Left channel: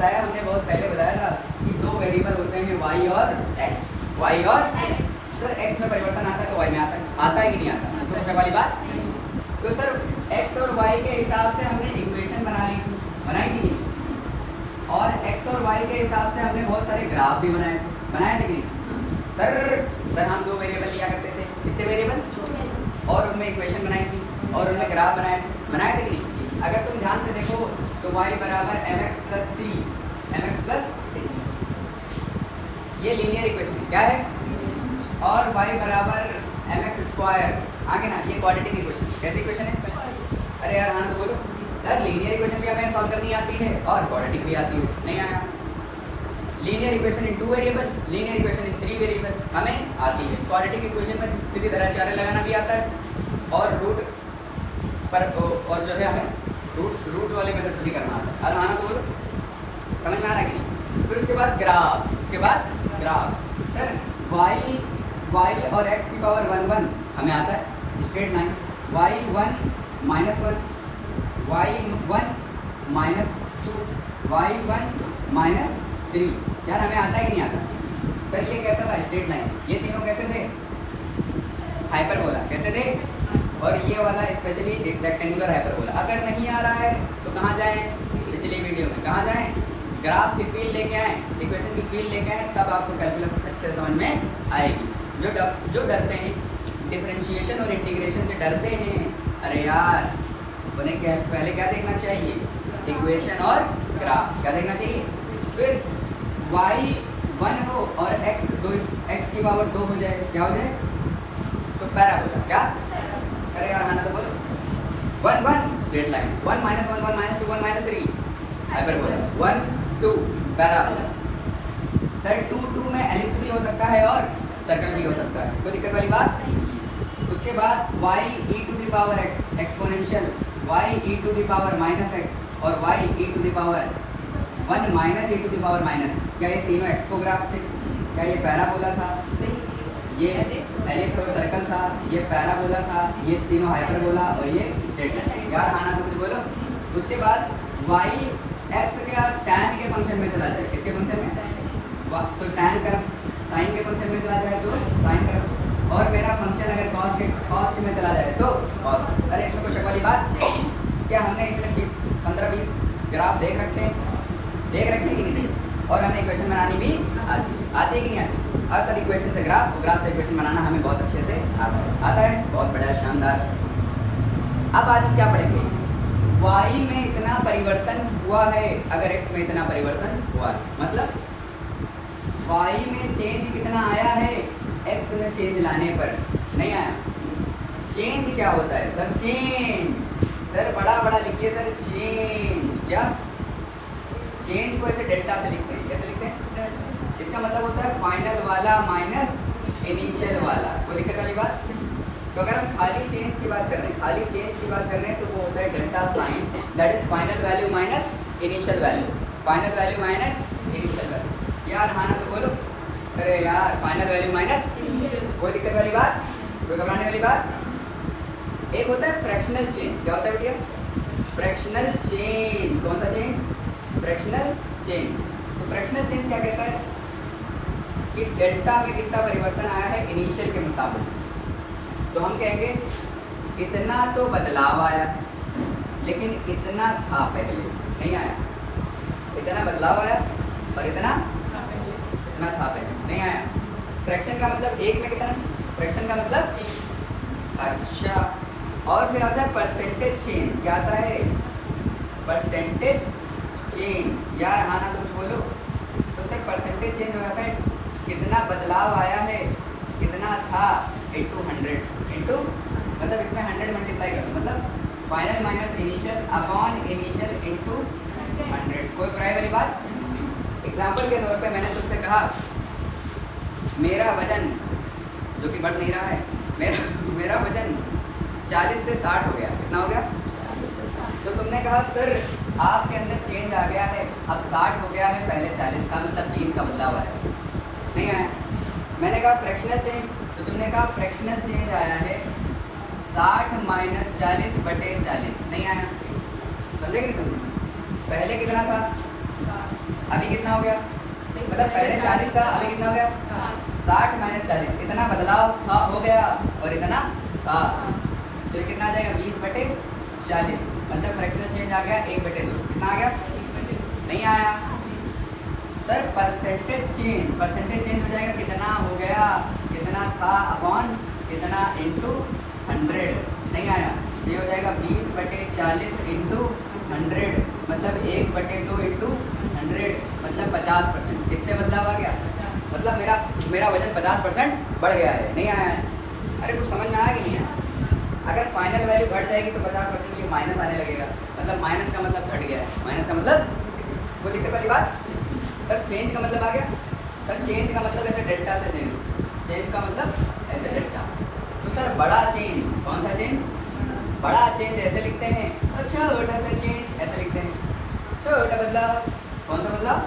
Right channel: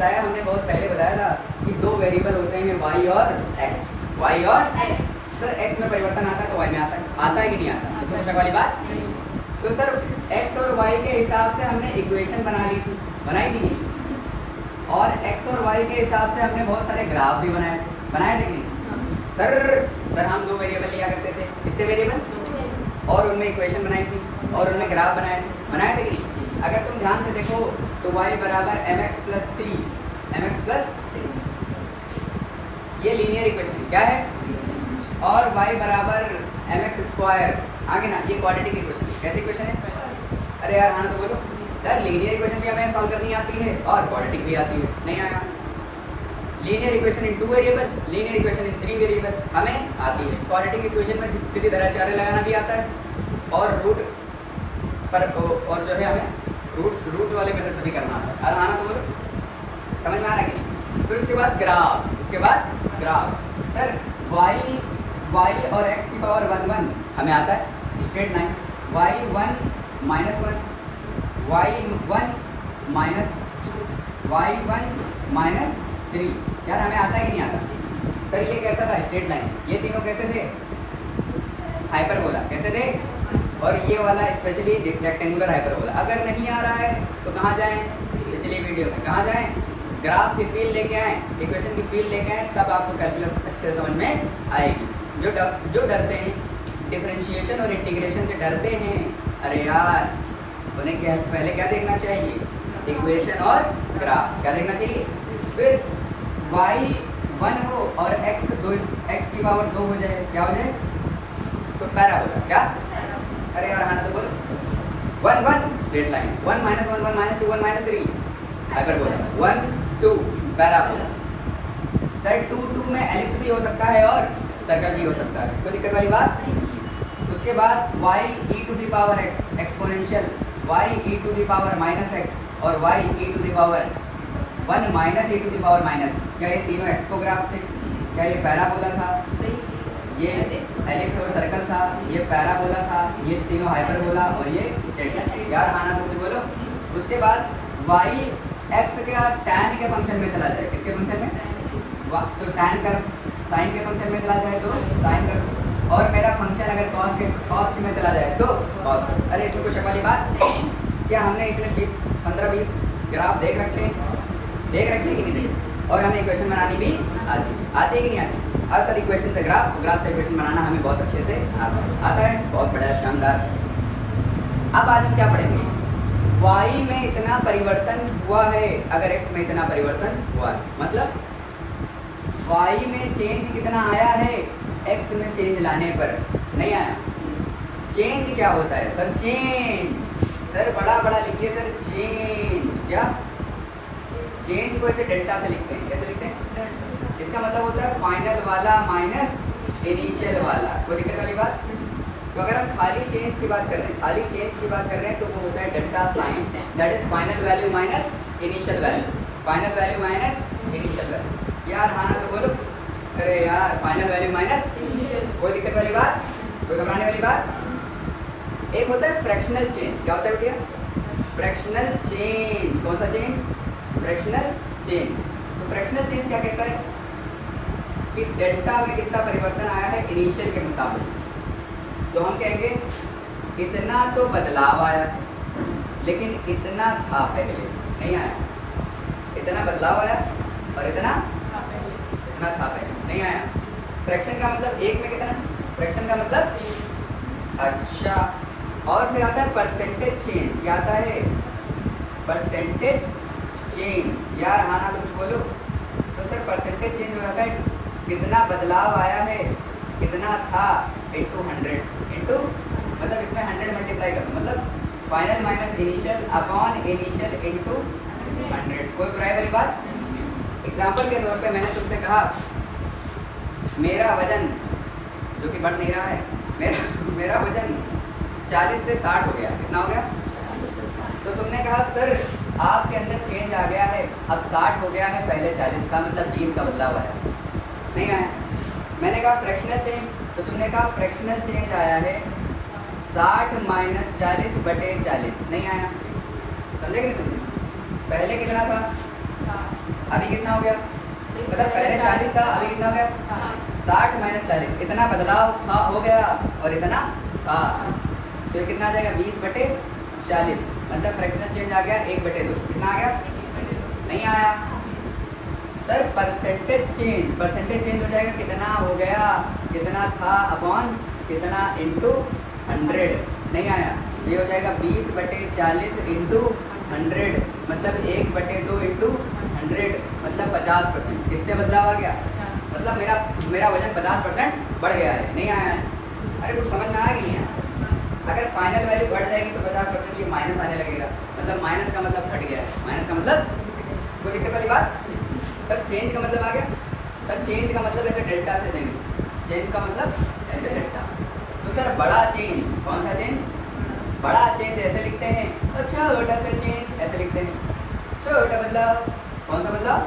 हमने बहुत पहले बताया था कि दो वेरिएबल होते हैं y और x। y और x। सर x में परिवर्तन आता है तो y में आता है कि नहीं आता? इसमें कोई शक वाली बात? तो सर x और y के हिसाब से हमने इक्वेशन बना ली थी, बनाई कि नहीं? और x और y के हिसाब से हमने बहुत सारे ग्राफ भी बनाए थे कि नहीं? सर हम दो वेरिएबल लिया करते थे, कितने वेरिएबल? और उनमें इक्वेशन बनाई थी और उनमें ग्राफ बनाए थे कि नहीं? अगर तुम ध्यान से देखो तो y बराबर mx प्लस सी, ये लीनियर इक्वेशन है, क्या है? और y बराबर mx स्क्वायर, आगे ना, ये क्वाड्रेटिक इक्वेशन। कैसी इक्वेशन है? अरे यार आना तो बोलो यार, लीनियर इक्वेशन भी हमें सॉल्व करनी आती है और क्वाड्रेटिक भी आती है, नहीं आया? Linear equation in 2 variable, linear equation in 3 variable हमें आती है। क्वाड्रेटिक इक्वेशन में सीधी तरह चारे लगाना भी आता है और रूट पर और जो है हमें रूट वाले मेथड से भी करना आता है। और आना तो बोलो, समझ में आ रहा है कि नहीं? फिर उसके बाद ग्राफ, सर y और x की पावर 1 1 हमें आता है, straight line y1 -1 y1 -2 y1 -3, यार हमें आता है कि नहीं आता? सर ये कैसा था? Straight line. ये तीनों कैसे थे? हाइपरबोला। कैसे थे? और ये वाला स्पेशली रेक्टेंगुलर हाइपरबोला। अगर नहीं आ रहा है तो कहाँ जाएं? पिछली वीडियो में कहाँ जाएं? ग्राफ की फील्ड लेके आएँ, इक्वेशन की फील्ड लेके आएँ, तब आपको कैलकुलस अच्छे से समझ में आएगी। जो डरते हैं डिफरेंशिएशन और इंटीग्रेशन से डरते हैं, अरे यार उन्हें पहले क्या देखना चाहिए? इक्वेशन और ग्राफ। क्या देखना चाहिए? फिर y1 हो और x की पावर 2 हो जाए, क्या हो जाए? तो पैराबोला। क्या? अरे यार आना तो बोलो। 1 1 straight line, 1 -1 1 -2 1 -3 hyperbola, 1 2 parabola. Sir 2 2 में एलिप्स भी हो सकता है और सर्कल भी हो सकता है, कोई दिक्कत वाली बात? उसके बाद y e to the power x exponential y e to the power -x और y e to the power 1 - e to the power -x। क्या ये तीनों एक्सपोग्राफ थे? क्या ये पैराबोला था? ये एलिप्स और सर्कल था, ये पैराबोला था, ये तीनों हाइपरबोला और ये स्ट्रेट लाइन। यार आना तो कुछ बोलो। उसके बाद y x का tan के फंक्शन में चला जाए, किसके फंक्शन में? तो tan कर साइन के फंक्शन में चला जाए तो साइन कर, और मेरा फंक्शन अगर कॉस के में चला जाए तो कॉस। अरे इसमें कुछ वाली बात? क्या हमने इसमें 15-20 ग्राफ देख रखे हैं कि नहीं देखे? और हमें इक्वेशन बनानी भी आती है कि नहीं आती? और सर इक्वेशन से ग्राफ से इक्वेशन बनाना हमें बहुत अच्छे से आता है। बहुत बड़ा शानदार। अब आज हम क्या पढ़ेंगे? y में इतना परिवर्तन हुआ है अगर x में इतना परिवर्तन हुआ है, मतलब y में चेंज कितना आया है x में चेंज लाने पर? नहीं आया। चेंज क्या होता है सर? चेंज, सर बड़ा लिखिए सर, चेंज। क्या? चेंज को ऐसे डेल्टा से लिखते हैं। कैसे लिखते हैं? इसका मतलब होता है फाइनल वाला माइनस इनिशियल वाला। कोई दिक्कत वाली बात? तो अगर हम खाली चेंज की बात कर रहे हैं तो वो होता है delta sign, that is final value minus initial value. यार हाँ ना तो बोलो। अरे यार फाइनल वैल्यू माइनस, कोई दिक्कत वाली बात? कोई घबराने वाली बात? एक होता है फ्रैक्शनल चेंज। क्या होता है भैया? Fractional change. कौन सा चेंज? Fractional change. तो फ्रैक्शनल चेंज क्या कहता है कि डेल्टा में कितना परिवर्तन आया है इनिशियल के मुताबिक। तो हम कहेंगे इतना तो बदलाव आया, लेकिन इतना था पहले नहीं आया। इतना बदलाव आया और इतना था पहले नहीं आया। फ्रैक्शन का मतलब एक में कितना? फ्रैक्शन का मतलब अच्छा। और फिर आता है परसेंटेज चेंज। क्या आता है? Percentage change. यार आना तो कुछ बोलो। तो सर परसेंटेज चेंज हो जाता है कितना बदलाव आया है, कितना था इंटू 100 मतलब इसमें 100 मल्टीप्लाई करना, मतलब final minus initial upon initial into 100। कोई बुराई वाली बात? एग्जाम्पल के तौर पे मैंने तुमसे कहा मेरा वजन, जो कि बढ़ नहीं रहा है, मेरा वजन 40 से 60 हो गया। कितना हो गया? तो तुमने कहा सर आपके अंदर चेंज आ गया है, अब 60 हो गया है, पहले 40 था, मतलब 20 का बदलाव आया। नहीं आया। मैंने कहा फ्रैक्शनल चेंज, तो तुमने कहा फ्रैक्शनल चेंज आया है 60 - 40/40। नहीं आया। समझे कि नहीं समझे? पहले कितना था? अभी कितना हो गया, मतलब पहले 40 था, अभी कितना हो गया 60 माइनस 40, इतना बदलाव था हो गया और इतना था, तो ये कितना आ जाएगा 20/40, मतलब फ्रैक्शनल चेंज आ गया 1/2, कितना आ गया, नहीं आया सर। परसेंटेज चेंज हो जाएगा, कितना हो गया, कितना था अपॉन कितना इंटू 100, नहीं आया, ये हो जाएगा 20/40 इंटू 100, मतलब 1/2 इंटू 100, मतलब 50%। कितने बदलाव आ गया, मतलब मेरा वजन 50% बढ़ गया है, नहीं आया है। अरे कुछ समझ में आया कि नहीं आया? अगर फाइनल वैल्यू घट जाएगी तो 50% ये माइनस आने लगेगा, मतलब माइनस का मतलब घट गया है, माइनस का मतलब कोई दिक्कत वाली बात। सर चेंज का मतलब आ गया, सर चेंज का मतलब ऐसे डेल्टा से चेंज का मतलब ऐसे डेल्टा। तो सर बड़ा चेंज, कौन सा चेंज, बड़ा चेंज ऐसे लिखते हैं, और छोटा सा चेंज ऐसे लिखते हैं। छोटा बदलाव, कौन सा बदलाव,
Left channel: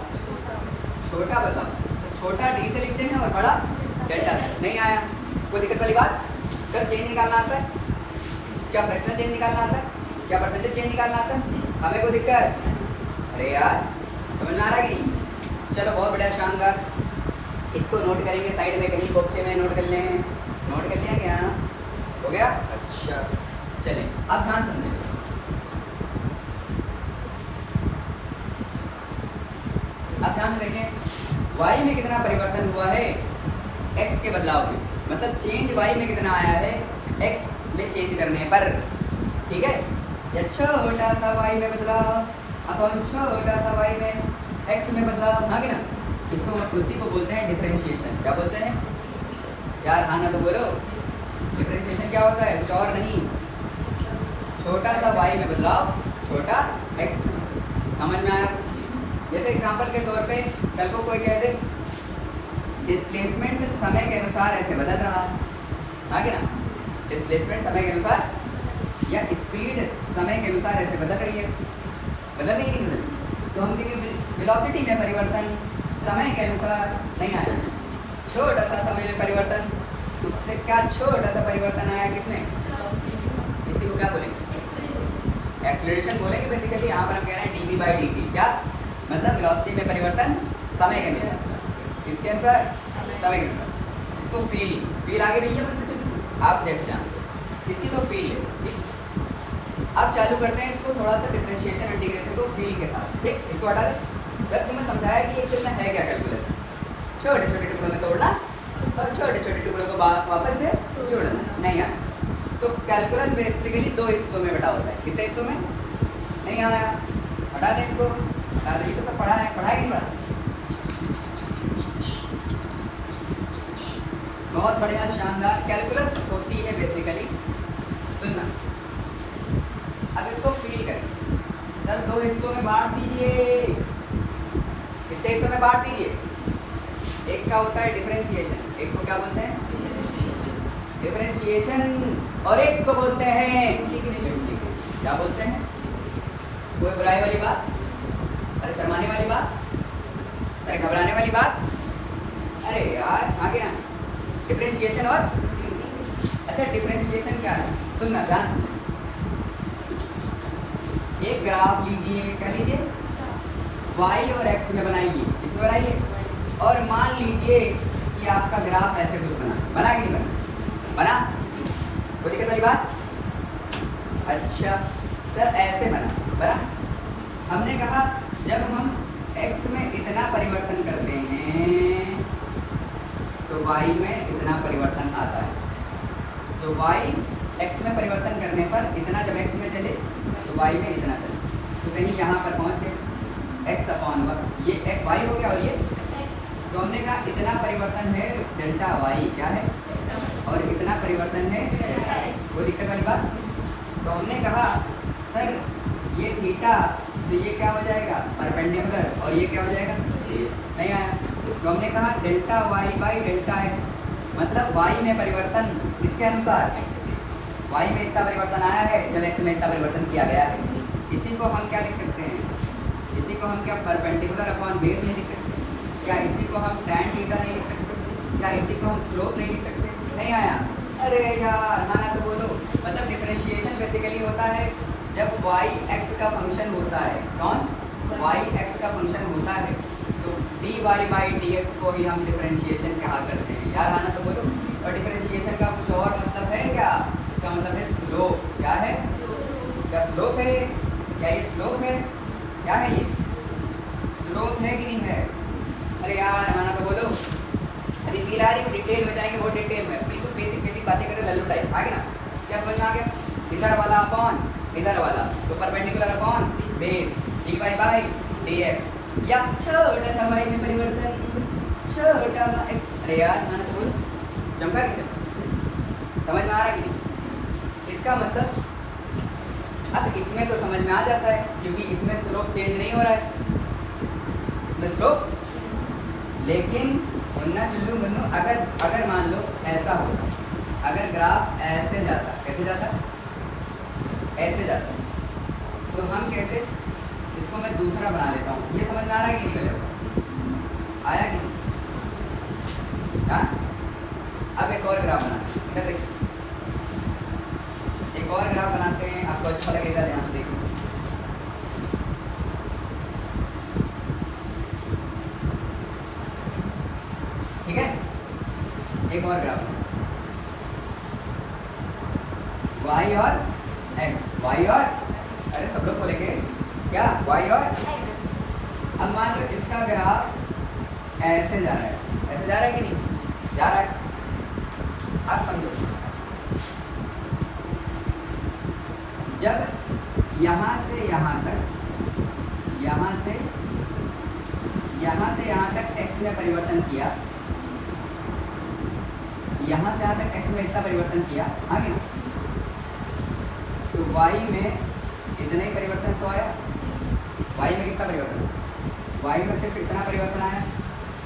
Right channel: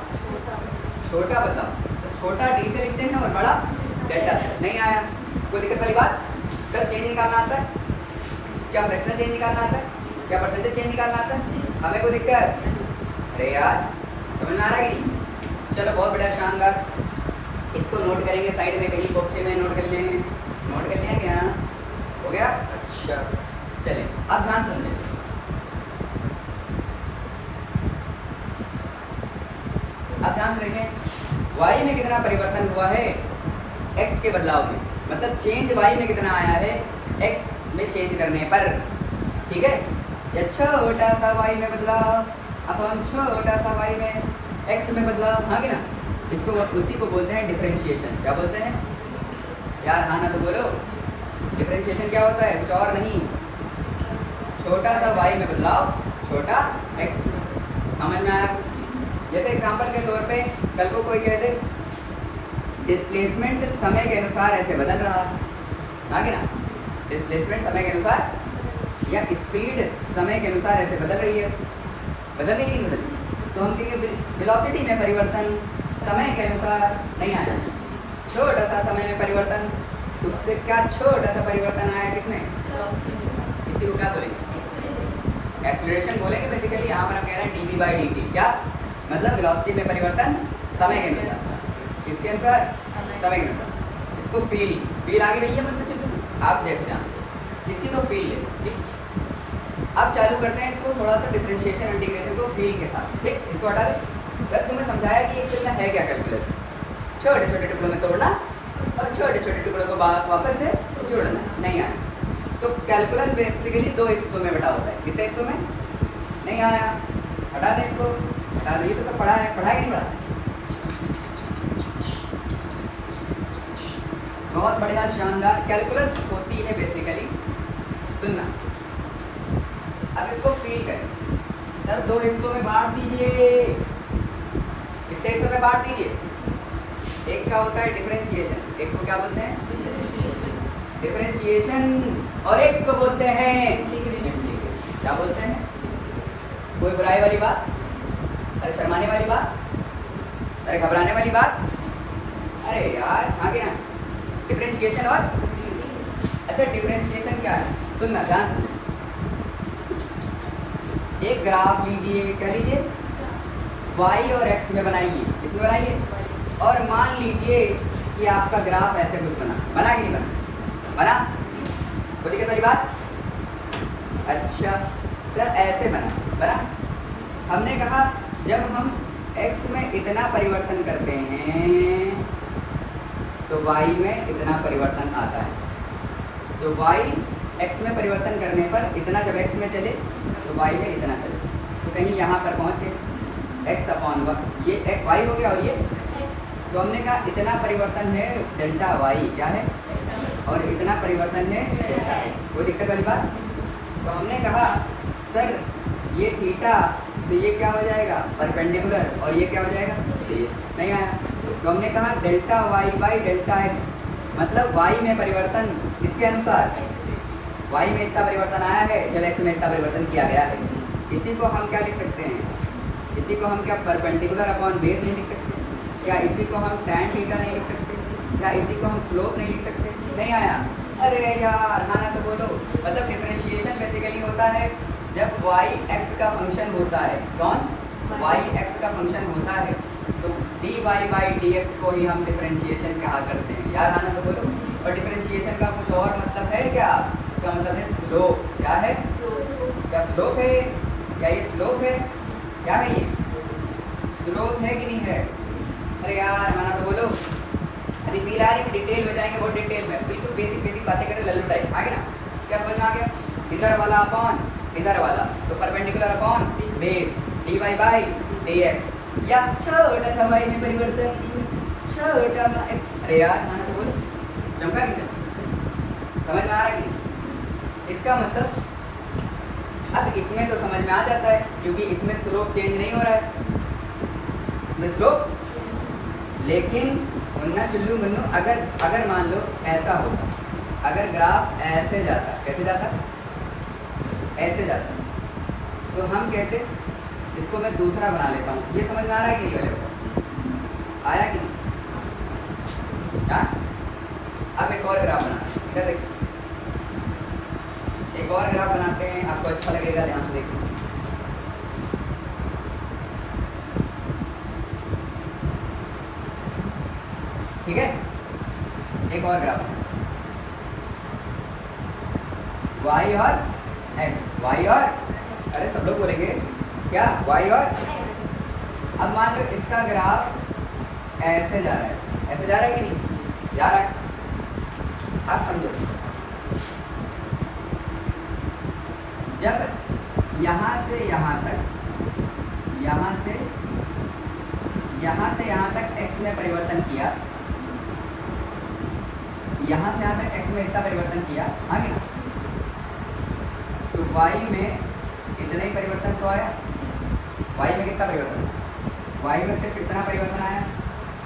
छोटा बदलाव, तो छोटा डी से लिखते हैं और बड़ा डेल्टा से। नहीं आया कोई दिक्कत वाली बात। सर चेंज निकालना आता है, क्या फ्रैक्शनल चेंज निकालना आता है, क्या परसेंटेज चेंज निकालना आता है, हमें कोई दिक्कत, अरे यार समझ में आ रहा है कि नहीं? चलो बहुत बढ़िया, शानदार, इसको नोट करेंगे साइड में कहीं बॉक्से में नोट कर लें, नोट कर लिया क्या, हो गया, अच्छा चलिए अब ध्यान समझें। अब ध्यान देंगे y में कितना परिवर्तन हुआ है x के बदलाव में, मतलब चेंज y में कितना आया है x में चेंज करने पर, ठीक है। या छोटा सा y में बदलाव अपन छोटा सा y में x में बदलाव, हाँ कि ना, इसको उसी को बोलते हैं डिफरेंशिएशन। क्या बोलते हैं यार, हाँ ना तो बोलो, डिफरेंशिएशन क्या होता है, कुछ और नहीं, छोटा सा y में बदलाव छोटा x में। समझ में आया? जैसे एग्जांपल के तौर पे कल को कोई कह दे डिस्प्लेसमेंट समय के अनुसार ऐसे बदल रहा, हाँ कि ना, डिस्प्लेसमेंट समय के अनुसार या स्पीड समय के अनुसार ऐसे बदल रही है, बदल रही है कि नहीं बदल रही, तो हम कहेंगे वेलोसिटी में परिवर्तन समय के अनुसार नहीं आया, छोटा सा समय में परिवर्तन, उससे क्या छोटा सा परिवर्तन आया किसमें, इसी को क्या बोलेंगे, एक्सीलरेशन बोलेंगे बेसिकली। यहाँ पर हम कह रहे हैं dv/dt, क्या मतलब वेलोसिटी में परिवर्तन समय के अनुसार, किसके अनुसार, समय के अनुसार। इसको फील आगे भैया बन चलो आप देख जाए, इसकी तो फील है, ठीक। अब चालू करते हैं इसको थोड़ा सा डिफरेंशिएशन इंटीग्रेशन को फील के साथ, ठीक। इसको हटा दे, बस तुम्हें समझाया कि एक कितना है क्या कैलकुलस, छोटे छोटे टुकड़ों में तोड़ना और छोटे छोटे टुकड़ों को वापस से जोड़ना, नहीं आया। तो कैलकुलस बेसिकली 2 हिस्सों में बटा होता है, कितने हिस्सों में, नहीं आया, हटा दे इसको, हटा दे, ये तो सब पढ़ा है, पढ़ा है कि नहीं पढ़ा, बहुत बढ़िया शानदार। कैलकुलस होती है बेसिकली, सुनना, अब इसको फील करें, सर 2 हिस्सों में बांट दीजिए, कितने हिस्सों में बांट दीजिए, एक का होता है डिफरेंशिएशन, एक को क्या बोलते हैं डिफरेंशिएशन, और एक को बोलते हैं क्या बोलते हैं, कोई बुराई वाली बात, अरे शर्माने वाली बात, अरे घबराने वाली बात, अरे यार हाँ क्या, डिफरेंशिएशन और, अच्छा डिफरेंशिएशन क्या है, सुनना ध्यान सुनना, एक ग्राफ लीजिए, क्या लीजिए, y और x में बनाइए, इसमें बनाइए, और मान लीजिए कि आपका ग्राफ ऐसे कुछ बना कि नहीं बना, कोई दिक्कत वाली बात, अच्छा सर ऐसे बना, हमने कहा जब हम x में इतना परिवर्तन करते हैं तो y में इतना परिवर्तन आता है, तो y x में परिवर्तन करने पर इतना जब x में चले तो y में इतना चले, तो कहीं यहाँ पर पहुँच गए x/1, ये एक y हो गया और ये, तो हमने कहा इतना परिवर्तन है डेल्टा y, क्या है, और इतना परिवर्तन है डेल्टा x, कोई दिक्कत वाली बात। तो हमने कहा सर ये थीटा, तो ये क्या हो जाएगा परपेंडिकुलर, और ये क्या हो जाएगा नहीं आया, तो हमने कहा डेल्टा y/डेल्टा x, मतलब y में परिवर्तन किसके अनुसार, y में इतना परिवर्तन आया है जब x में इतना परिवर्तन किया गया है, इसी को हम क्या लिख सकते हैं, इसी को हम क्या परपेंडिकुलर अपॉन बेस नहीं लिख सकते, क्या इसी को हम tan थीटा नहीं लिख सकते, क्या इसी को हम स्लोप नहीं लिख सकते, नहीं आया, अरे यार हाँ तो बोलो, मतलब डिफरेंशिएशन बेसिकली होता है जब y x का फंक्शन होता है, कौन y x का फंक्शन होता है, वाई बाई डी एक्स को ही हम डिफरेंशिएशन कहा करते हैं। यार आना तो बोलो। और डिफरेंशिएशन का कुछ और मतलब है क्या? इसका मतलब है स्लोप। क्या है? क्या स्लोप है? क्या ये स्लोप है? क्या है ये? स्लोप है कि नहीं है? अरे यार आना तो बोलो। अभी फिलहाल डिटेल में जाएंगे, बहुत डिटेल में, बिल्कुल बेसिक बेसिक बातें करें, लल्लू टाइप। आ गया? क्या समझ में आ गया? इधर वाला अपॉन इधर वाला, तो perpendicular upon base D Y by D X, या छोटा सा वाई में परिवर्तन, छोटा एक्स। अरे यार आना तो बोलो। चमका कि समझ में आ रहा कि नहीं? इसका मतलब अब इसमें तो समझ में आ जाता है, क्योंकि इसमें स्लोप चेंज नहीं हो रहा है, इसमें स्लोप। लेकिन मुन्ना चुल्लू मुन्नू, अगर मान लो ऐसा होता, अगर ग्राफ ऐसे जाता, कैसे जाता? ऐसे जाता, तो हम कहते, इसको मैं दूसरा बना लेता हूँ। ये समझ में आ रहा है कि नहीं? वाले आया कि नहीं? हाँ, अब एक और ग्राफ बनाते हैं। इधर देखिए, एक और ग्राफ बनाते हैं, आपको अच्छा लगेगा, ध्यान से देखिए। ठीक है, एक और ग्राफ, y और x, y और, अरे सब लोग बोलेंगे क्या? y और, अब मान लो इसका ग्राफ ऐसे जा रहा है, ऐसे जा रहा है कि नहीं? जा रहा है। आप समझो, जब यहाँ से यहाँ तक, यहाँ से यहाँ तक x में परिवर्तन किया, यहाँ से यहाँ तक x में इतना परिवर्तन किया, आगे ना, तो y में इतना ही परिवर्तन तो आया। y में कितना परिवर्तन? y में सिर्फ कितना परिवर्तन आया?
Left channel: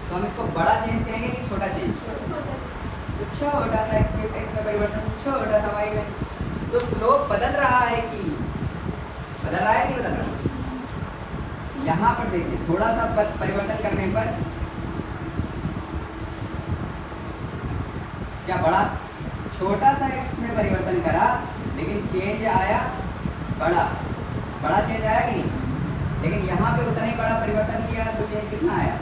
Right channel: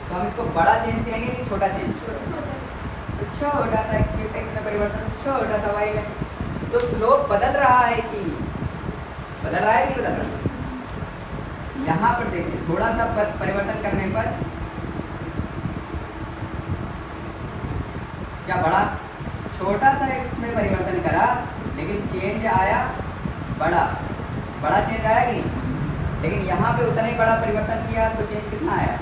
तो हम इसको बड़ा चेंज कहेंगे कि छोटा चेंज? तो छोटा सा x में परिवर्तन, छोटा सा y में। तो स्लोप बदल रहा है कि बदल रहा है कि बदल रहा है? यहाँ पर देखिए, थोड़ा सा परिवर्तन करने पर क्या बढ़ा? छोटा सा x में परिवर्तन करा, लेकिन चेंज आया बड़ा। बड़ा चेंज आया कि नहीं? लेकिन यहाँ पे उतना ही बड़ा परिवर्तन किया, तो चेंज कितना आया?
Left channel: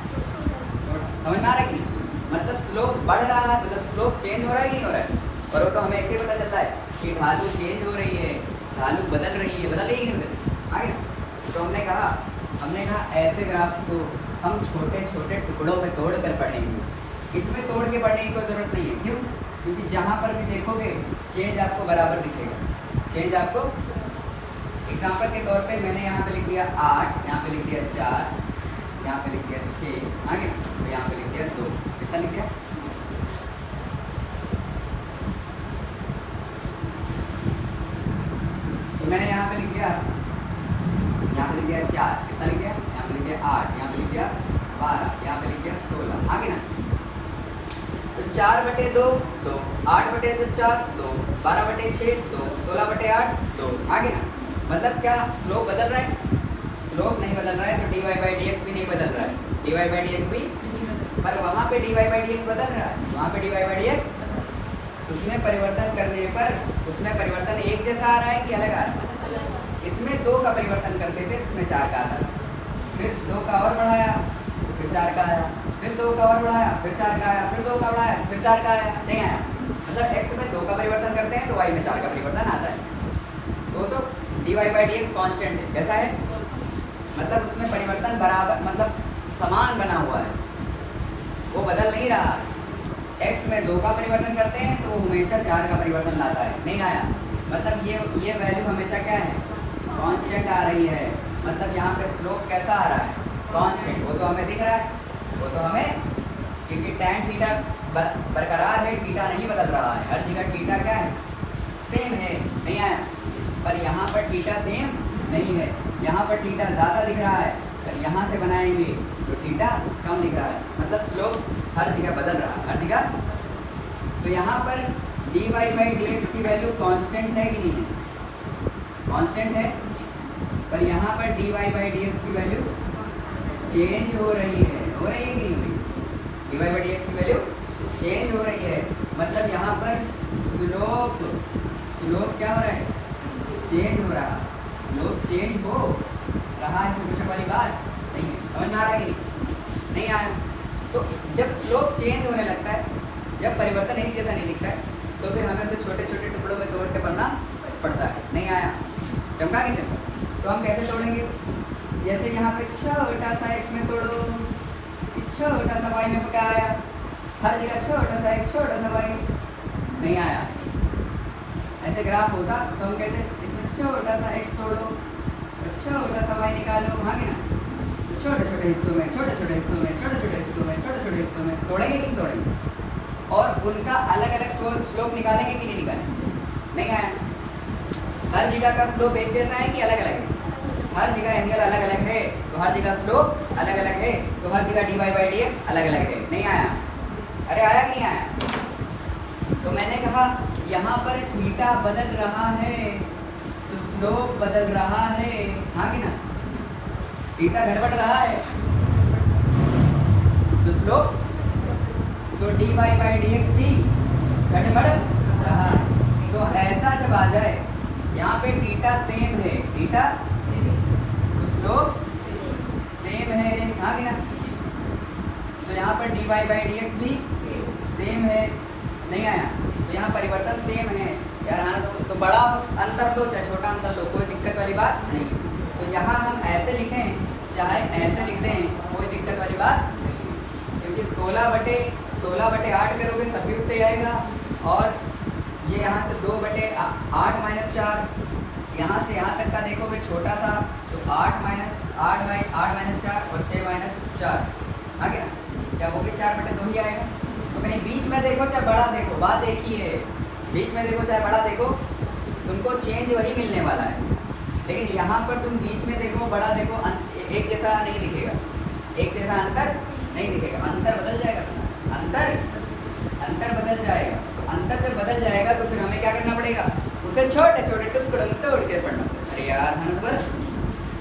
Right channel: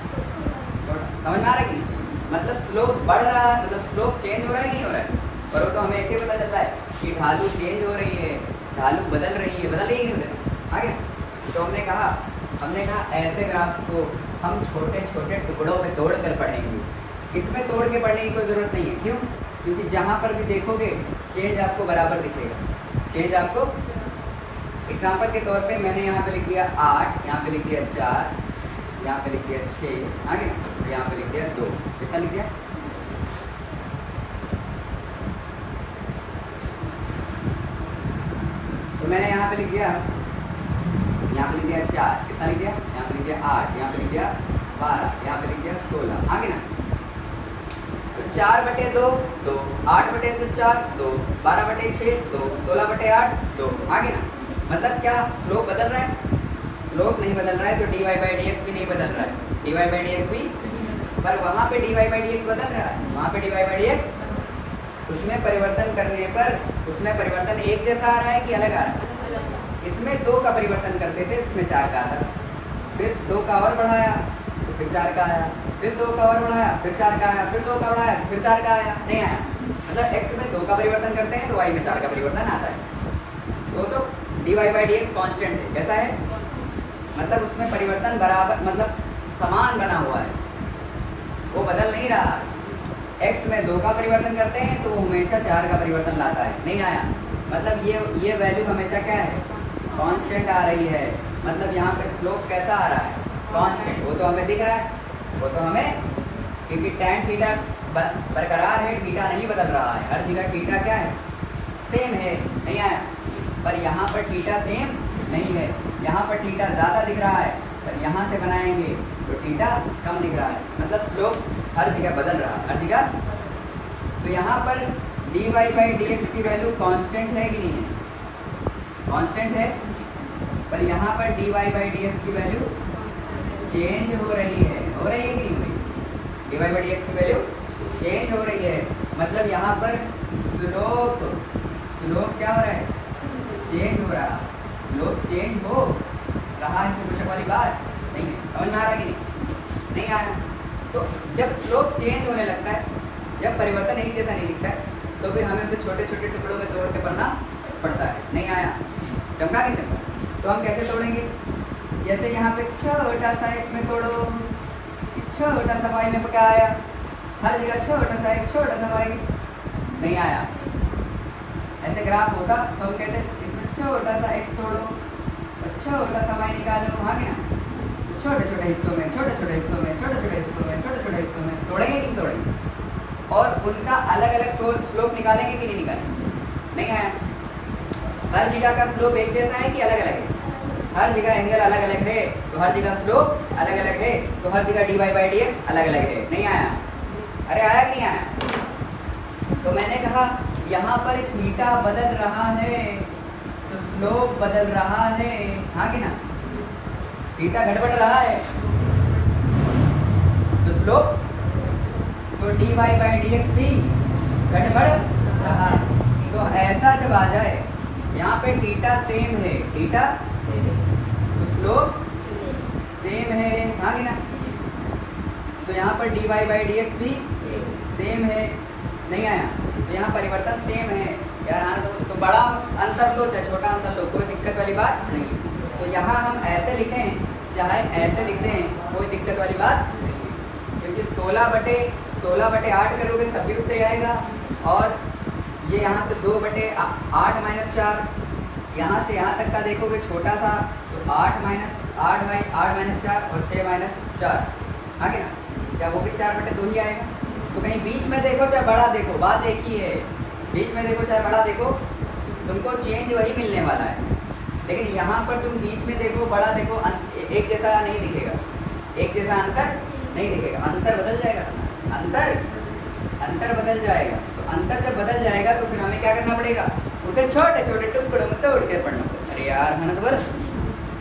छोटा। समझ में आ रहा है कि नहीं? मतलब स्लोप बढ़ रहा है, मतलब स्लोप चेंज हो रहा है कि नहीं हो रहा है? और वो तो हमें ऐसे ही पता चल रहा है कि ढालू चेंज हो रही है, ढालू बदल रही है, बदल रही है कि नहीं बदल? आगे तो हमने कहा ऐसे ग्राफ को हम छोटे छोटे टुकड़ों में तोड़ कर पढ़ेंगे। इसमें तोड़ के पढ़ने की कोई ज़रूरत नहीं है। क्यों? क्योंकि जहाँ पर भी देखोगे चेंज आपको बराबर दिखेगा। चेंज आपको, एग्जाम्पल के तौर पे मैंने यहाँ पे लिख दिया 8, यहाँ पे लिख दिया 4, यहाँ पे लिख दिया 6, आगे तो यहाँ पे लिख दिया 2। कितना लिख दिया? तो मैंने यहाँ पे लिख दिया 4, कितना लिख दिया? यहाँ पे लिख दिया 8, यहाँ पे लिख दिया 12, यहाँ पे लिख दिया 16, आगे ना। तो 4/2 2, 8/2 4 2, 12/6 2, 16/8 2, आगे ना। मतलब क्या स्लोप बदल रहा है? स्लोप नहीं बदल रहा है, तो dy बाई डी एक्स भी नहीं बदल रहा है। dy बाई डी एक्स भी, पर वहाँ पे dy बाई डी एक्स बदल रहा है। वहाँ पे dy बाई डी एक्स, उसमें परिवर्तन करने पर उसमें परिवर्तन एक जैसा आ रहा है कि अलग आ रहा है? इसमें 2 का परिवर्तन करते थे, इसमें 4 का आता, फिर 2 का और बढ़ाया, फिर 4 का आया, फिर 2 का और बढ़ाया, फिर 4 का आया, फिर 2 का बढ़ाया, फिर 4 का आया, नहीं आया। मतलब x में 2 का परिवर्तन करते हैं तो y में 4 का परिवर्तन आता है। तो dy by D x constant है। कैसा है? मतलब उसमें परिवर्तन बराबर, मतलब समान बना हुआ है, वो बदल नहीं रहा है। x में 2 का परिवर्तन करते हैं तो वो हमेशा 4 का परिवर्तन लाता है, नहीं आया। मतलब ये वैल्यू हमेशा क्या है? कांस्टेंट आ रही है। मतलब यहाँ पे स्लोप कैसा आ रहा है? कांस्टेंट। वो तो हमें दिख रहा है, वो तो हमें, क्योंकि tan थीटा बरकरार है, थीटा नहीं बदल रहा है। हर जगह थीटा क्या है? सेम है, नहीं आया। पर यहाँ पर थीटा सेम नहीं है, यहाँ पर थीटा ज़्यादा दिख रहा है, पर यहाँ से बनाएंगे तो थीटा कम दिख रहा है। मतलब स्लोप हर जगह बदल रहा है, हर जगह। तो यहाँ पर dy बाई डी एक्स की वैल्यू कांस्टेंट है कि नहीं है? कांस्टेंट है, पर यहाँ पर dy बाई डी एक्स की वैल्यू चेंज हो रही है कि नहीं हुई? dy बाई डी एक्स की वैल्यू चेंज हो रही है। मतलब यहाँ पर स्लोप क्या हो रहा है? चेंज हो रहा है। स्लोप चेंज हो रहा है, इसमें कुछ वाली बात नहीं है। समझ में आ रहा है कि नहीं? नहीं आ रहा। तो जब स्लोप चेंज होने लगता है, जब परिवर्तन एक जैसा नहीं दिखता है, तो फिर हमें उसे छोटे छोटे टुकड़ों में तोड़ के पढ़ना पड़ता है। नहीं आया, चमका के देखो। तो हम कैसे तोड़ेंगे? जैसे यहाँ पे छोटा सा x में तोड़ो, छोटा सा y में क्या आया? हर जगह छोटा सा x, छोटा सा y। नहीं आया। ऐसे ग्राफ होता तो हम कहते हैं इसमें छोटा सा x तोड़ो और छोटा सा y निकालो, हाँ कि ना? तो छोटे छोटे हिस्सों में, छोटे छोटे हिस्सों में, छोटे छोटे हिस्सों में, छोटे छोटे हिस्सों में तोड़ेंगे कि नहीं तोड़ेंगे? और उनका अलग अलग स्लोप निकालेंगे कि नहीं निकालेंगे? नहीं आया। हर जगह का स्लोप एक जैसा है कि अलग अलग है? हर जगह एंगल अलग अलग है, तो हर जगह स्लोप अलग अलग है, तो हर जगह dy बाई डी एक्स अलग अलग है। नहीं आया? अरे आया कि नहीं आया? तो मैंने कहा यहाँ पर थीटा बदल रहा है तो स्लोप बदल रहा है, हाँ कि ना? थीटा घटबढ़ रहा है तो स्लोप, तो dy बाई डी एक्स भी घटबढ़ रहा है। तो ऐसा जब आ जाए, यहाँ पे थीटा सेम है, थीटा तो स्लोप सेम है, हाँ कि ना? तो यहाँ पर dy बाई डी एक्स भी सेम है। नहीं आया? तो यहाँ परिवर्तन सेम है यार, हाँ। तो बड़ा अंतर लो चाहे छोटा अंतर लो, कोई दिक्कत वाली बात नहीं। तो यहाँ हम ऐसे लिखें चाहे ऐसे लिख दें, कोई दिक्कत वाली बात नहीं, क्योंकि 16/8 करोगे तब भी उतना ही आएगा। और ये यहाँ से 2/8 माइनस 4, यहाँ से यहाँ तक का देखोगे छोटा सा, तो 8 माइनस 4 और 6 माइनस 4, हाँ क्या? क्या वो भी 4/2 ही आएगा? तो कहीं बीच में देखो चाहे बड़ा देखो, बात एक ही है। बीच में देखो चाहे बड़ा देखो, तुमको चेंज वही मिलने वाला है। लेकिन यहाँ पर तुम बीच में देखो बड़ा देखो, एक जैसा नहीं दिखेगा, एक जैसा अंतर नहीं दिखेगा, अंतर बदल जाएगा, अंतर बदल जाएगा। तो अंतर जब बदल जाएगा तो फिर हमें क्या करना पड़ेगा? उसे छोटे छोटे टुकड़ों में तोड़ के पढ़ना पड़ेगा। अरे यार है ना, तो बस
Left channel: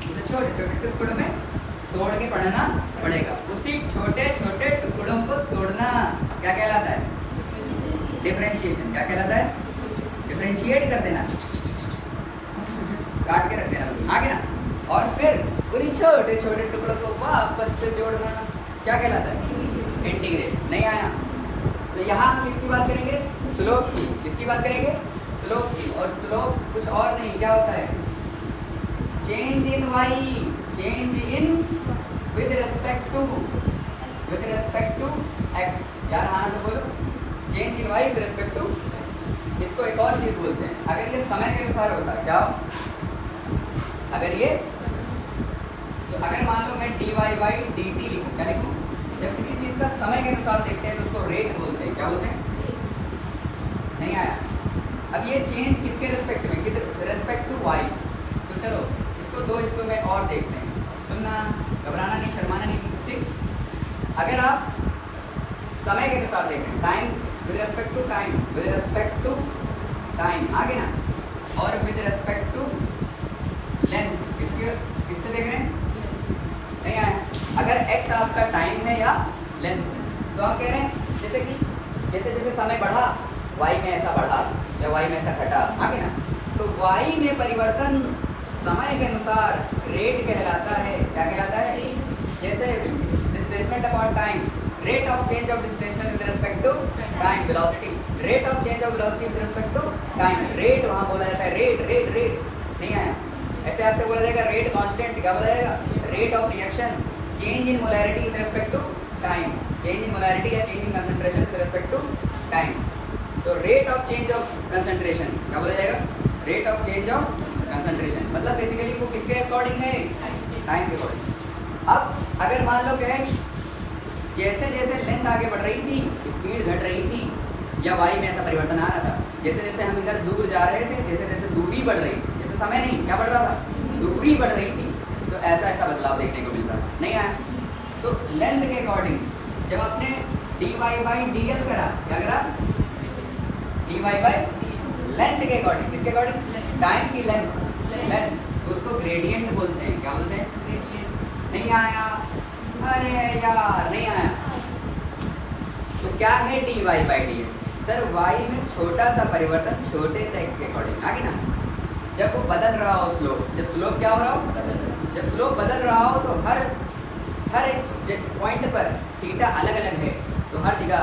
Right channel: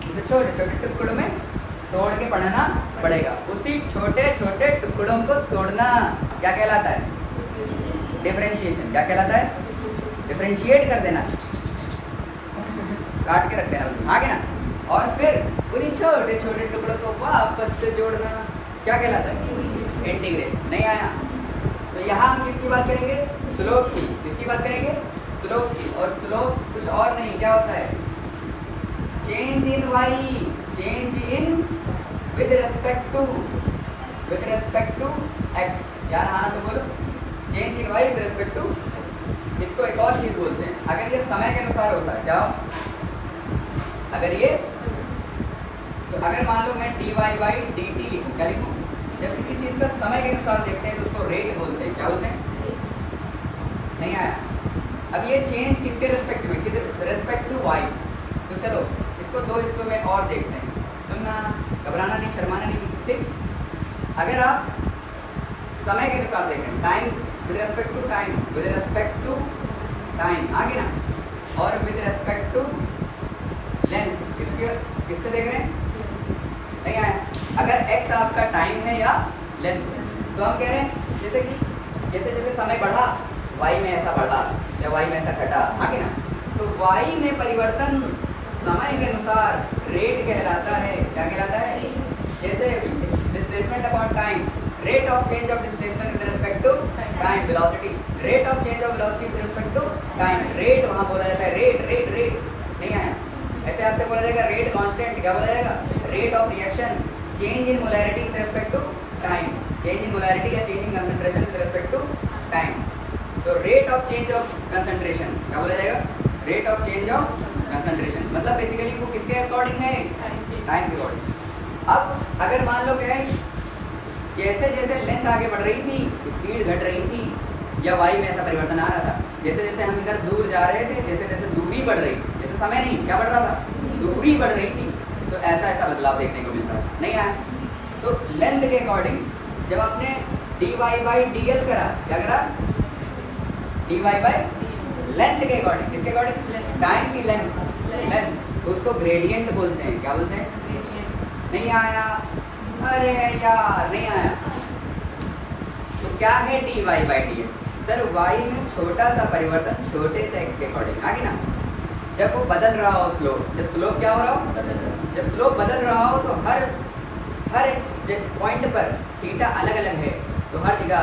उसे छोटे छोटे टुकड़ों में तोड़ के पढ़ना पड़ेगा। उसी छोटे छोटे टुकड़ों को तोड़ना क्या कहलाता है? डिफरेंशिएशन। क्या कहलाता है? डिफरेंशिएट कर देना, काट के रख देना, हाँ ना? और फिर उन्हीं छोटे छोटे टुकड़ों को वापस से जोड़ना क्या कहलाता है? इंटीग्रेशन। नहीं आया? तो यहाँ हम किसकी बात करेंगे? स्लोप की। किसकी बात करेंगे? स्लोप की। और स्लोप कुछ और नहीं, क्या होता है? Change in Y, change in with respect to X. यार हाँ तो बोलो, change in Y with respect to. इसको एक और चीज बोलते हैं, अगर ये समय के अनुसार होता है, क्या अगर ये, तो अगर मान लो मैं dy बाई डी टी लिखूँ, क्या लिखूँ? जब किसी चीज़ का समय के अनुसार देखते हैं तो उसको रेट बोलते हैं। क्या बोलते हैं? नहीं आया? अब ये चेंज किसके रेस्पेक्ट में? किसके रेस्पेक्ट टू y। तो चलो इसको दो हिस्सों में और देखते हैं, सुनना, घबराना नहीं, शर्माना नहीं, ठीक? अगर आप समय के अनुसार देखें, time with respect to time, with respect to time, आगे ना, और विद रेस्पेक्ट टू लेंथ, किससे देख रहे हैं? नहीं आया? अगर x आपका टाइम है या लेंथ, तो हम कह रहे हैं जैसे कि जैसे जैसे समय बढ़ा y में ऐसा बढ़ा या y में ऐसा घटा, हाँ कि ना? तो y में परिवर्तन समय के अनुसार रेट कहलाता है। क्या कहलाता है? जैसे displacement upon time, rate of change of displacement with respect to time, velocity, rate of change of velocity with respect to time. Rate वहाँ बोला जाता है, रेट नहीं आया? ऐसे आपसे बोला जाएगा रेट कांस्टेंट, क्या बोला जाएगा? Rate of reaction, change in molarity with respect to time, change in molarity या change in concentration with respect to time. तो rate of change of concentration क्या बोला जाएगा? Rate of change of concentration. मतलब basically वो किसके according है? Time के अकॉर्डिंग। अब अगर मान लो क्या है, जैसे जैसे लेंथ आगे बढ़ रही थी, स्पीड घट रही थी, या वाई में ऐसा परिवर्तन आ रहा था, जैसे जैसे हम इधर दूर जा रहे थे, जैसे जैसे दूरी बढ़ रही थी, जैसे समय नहीं, क्या बढ़ रहा था? दूरी बढ़ रही थी, तो ऐसा ऐसा बदलाव देखने को मिल रहा है। नहीं आया? तो लेंथ के अकॉर्डिंग जब आपने dy बाई डी एल करा, क्या करा? dy बाई लेंथ के अकॉर्डिंग, किसके अकॉर्डिंग? टाइम की लेंथ, उसको ग्रेडियंट बोलते हैं। क्या बोलते हैं? नहीं आया? अरे यार नहीं आया? तो क्या है dy by D x? Sir y में छोटा सा परिवर्तन छोटे से x के अकॉर्डिंग, आगे ना? जब वो बदल रहा हो स्लोप, जब स्लोप क्या हो रहा हो? जब स्लोप बदल रहा हो तो हर हर एक पॉइंट पर थीटा अलग अलग है तो हर जगह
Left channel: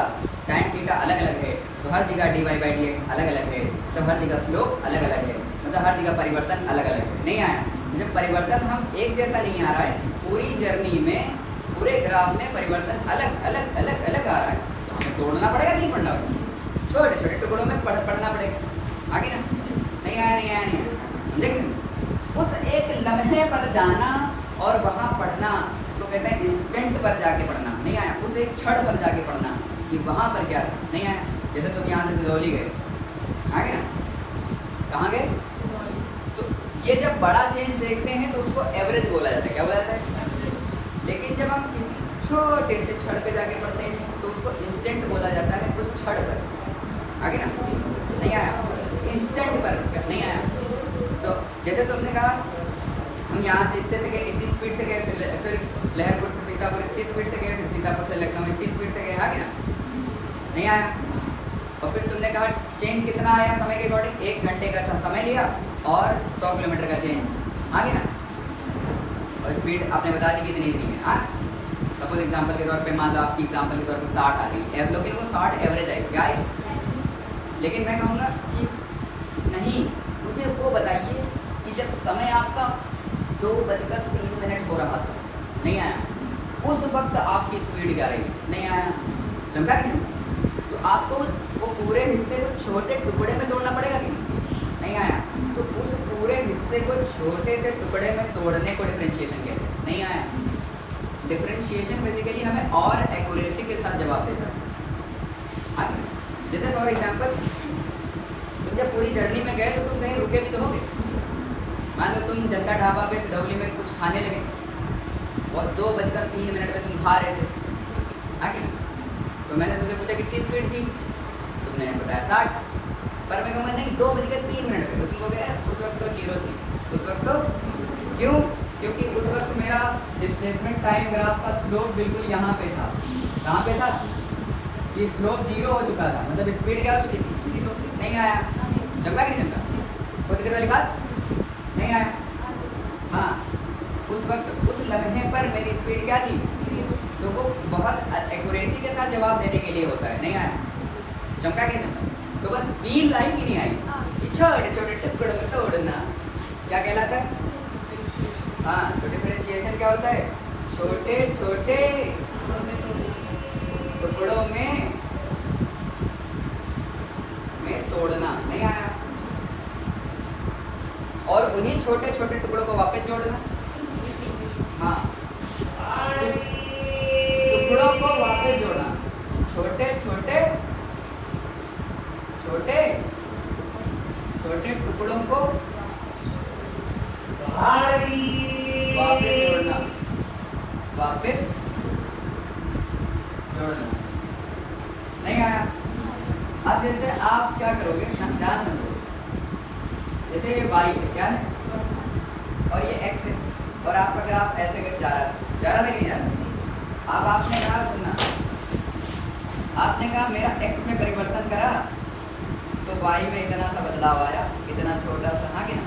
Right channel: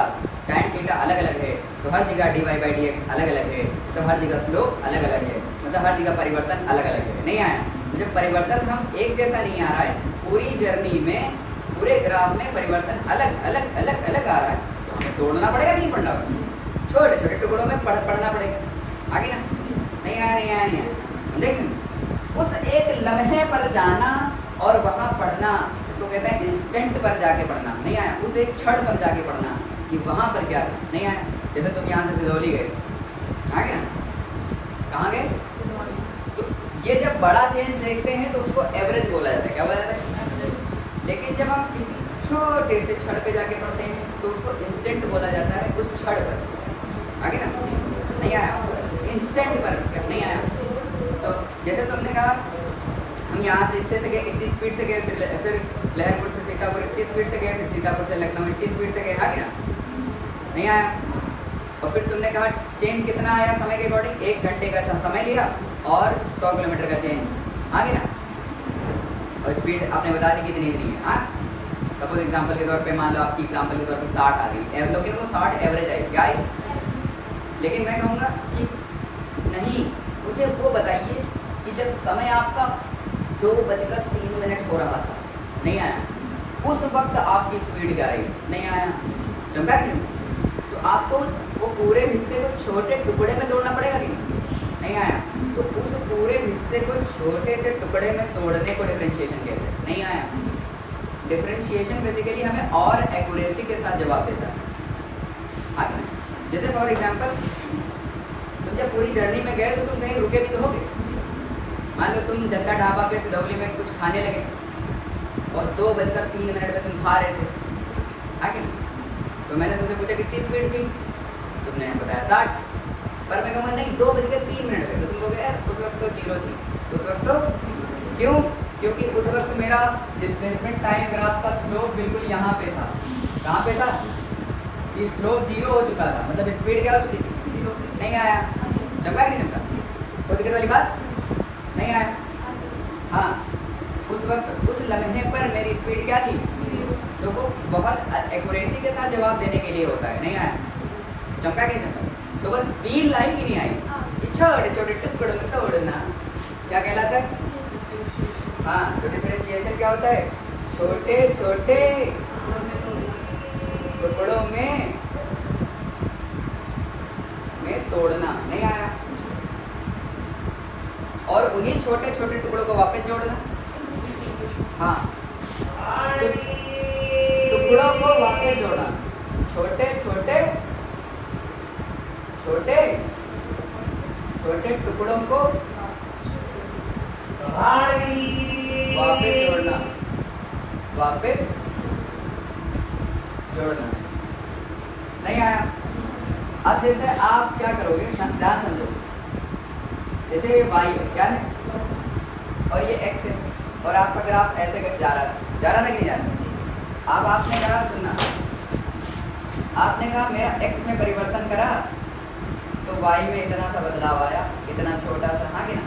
tan थीटा अलग अलग है तो हर जगह dy बाई डी एक्स अलग अलग है, तो हर जगह स्लोप अलग अलग है, मतलब हर जगह परिवर्तन अलग अलग है। नहीं आया? तो जब परिवर्तन हम एक जैसा नहीं आ रहा है, पूरी जर्नी में पूरे ग्राफ में परिवर्तन अलग अलग अलग अलग आ रहा है, तो हमें तोड़ना पड़ेगा नहीं पढ़ना पड़ेगा, छोटे छोटे टुकड़ों में पढ़ना पड़ेगा। आगे ना? नहीं आया नहीं आया नहीं आया, समझे? उस एक लम्हे पर जाना और वहाँ पढ़ना, इसको कहते हैं इंस्टेंट पर जाके पढ़ना। नहीं आया? उस एक क्षण पर जाके पढ़ना कि वहाँ पर क्या था। नहीं आया? जैसे तुम यहाँ से सिदौली गए, आ गए ना? कहाँ गए? तो ये जब बड़ा चेंज देखते हैं तो उसको एवरेज बोला जाता है। क्या बोला जाता है? लेकिन जब हम किसी छोटे से क्षण पे जाके पढ़ते हैं तो उसको इंस्टेंट बोला जाता है, कुछ क्षण पर। आगे ना? नहीं आया? उस इंस्टेंट पर क्या? नहीं आया? तो जैसे तुमने कहा हम यहाँ से इतने से गए, इतनी स्पीड से गए, फिर लहरपुर से सीतापुर इतनी स्पीड से गए, फिर सीतापुर से लखनऊ इतनी स्पीड से गए। आगे ना? नहीं आया? और फिर तुमने कहा चेंज कितना आया समय के अकॉर्डिंग, 1 घंटे का समय लिया और 100 किलोमीटर का चेंज। आगे ना? और स्पीड आपने बता दी कितनी इतनी है। हाँ, सपोज एग्जांपल के तौर पे मान लो आपकी एग्जांपल के तौर पे 60 आ गई, लेकिन वो 60 एवरेज आई। क्या आई? लेकिन मैं कहूँगा कि नहीं, मुझे वो बताइए कि जब समय आपका 2:03 हो रहा था, नहीं आया? उस वक्त आपकी स्पीड क्या रही? नहीं आया? चमका कि नहीं? तो आपको वो पूरे हिस्से को छोटे टुकड़े में तोड़ना पड़ेगा कि नहीं आया? तो उस पूरे हिस्से को छोटे से टुकड़े में तोड़ने को डिफरेंशिएशन कहते हैं। नहीं आया? डिफरेंशिएशन बेसिकली हमें और एक्यूरेसी के साथ जवाब देता है। आगे जैसे फॉर एग्जांपल तुम जब पूरी जर्नी में गए तो तुम कहीं रुके भी तो होगे। मान लो तुम जनता ढाबा पे सिदौली में कुछ खाने लगे और 2:03 पे तुम खा रहे थे। आगे ना? तो मैंने तुमसे पूछा कितनी स्पीड थी, तुमने बताया 60, पर मैं कहूँगा नहीं 2:03 पे, तो तुम कहोगे उस वक्त तो 0 थी। उस वक्त तो क्यों? क्योंकि उस वक्त मेरा डिस्प्लेसमेंट टाइम ग्राफ का स्लोप बिल्कुल यहाँ पे था। कहाँ पे था? ये स्लोप 0 हो चुका था, मतलब स्पीड क्या हो चुकी थी? नहीं आया? चमका कि नहीं चमका? कोई दिक्कत वाली बात नहीं आया? हाँ, उस वक्त उस लम्हे पर मेरी स्पीड क्या थी? तो वो बहुत एक्यूरेसी के साथ जवाब देने के लिए होता है। नहीं आया? चमका कि नहीं चमका? तो बस फील आई कि नहीं आई कि छोटे छोटे टुकड़ों में तोड़ना क्या कहलाता है? हाँ, तो डिफरेंशिएशन क्या होता है? छोटे छोटे टुकड़ों में तोड़ना। नहीं आया? और उन्हीं छोटे छोटे टुकड़ों को वापस जोड़ना। हाँ, टुकड़ों को वापस जोड़ना, छोटे छोटे छोटे छोटे टुकड़ों को वापस जोड़ना, वापस जोड़ना। नहीं आया? अब जैसे आप क्या करोगे, ध्यान समझो। जैसे ये y है, क्या है? और ये x है और आपका ग्राफ ऐसे करके जा रहा है, जा रहा है कि नहीं जा रहा? अब आपने कहा, सुनना, आपने कहा मेरा x में परिवर्तन करा तो y में इतना सा बदलाव आया, इतना छोटा सा। हाँ कि ना?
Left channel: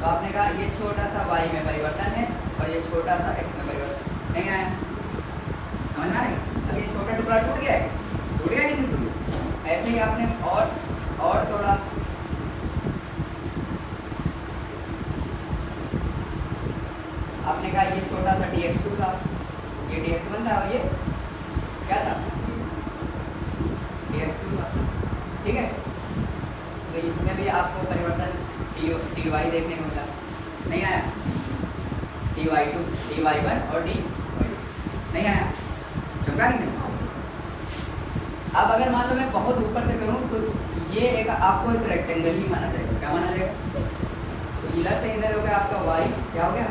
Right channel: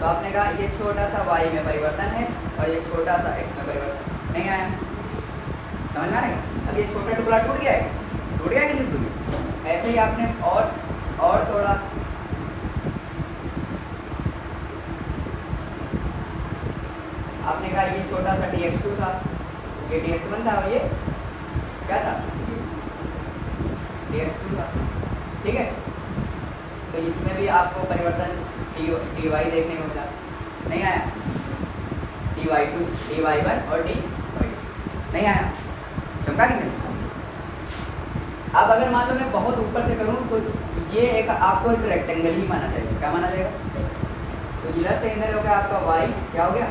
तो आपने कहा ये छोटा सा y में परिवर्तन है और ये छोटा सा x में परिवर्तन। नहीं आया? समझ में आ रहा है? अब ये छोटा टुकड़ा टूट गया है, टूट गया कि नहीं टूट गया? ऐसे ही आपने और थोड़ा आपने कहा ये छोटा सा dx2 था, ये dx1 था और ये क्या था? dx2 था। ठीक है? तो इसमें भी आपको परिवर्तन dy देखने को मिला। नहीं आया? dy2, dy1 और dy नहीं आया? चमका नहीं? अब अगर मान लो मैं बहुत ऊपर से करूं तो ये एक आपको एक रेक्टेंगल ही माना जाएगा। क्या माना जाएगा? तो इधर से इधर हो गया आपका y, क्या हो गया?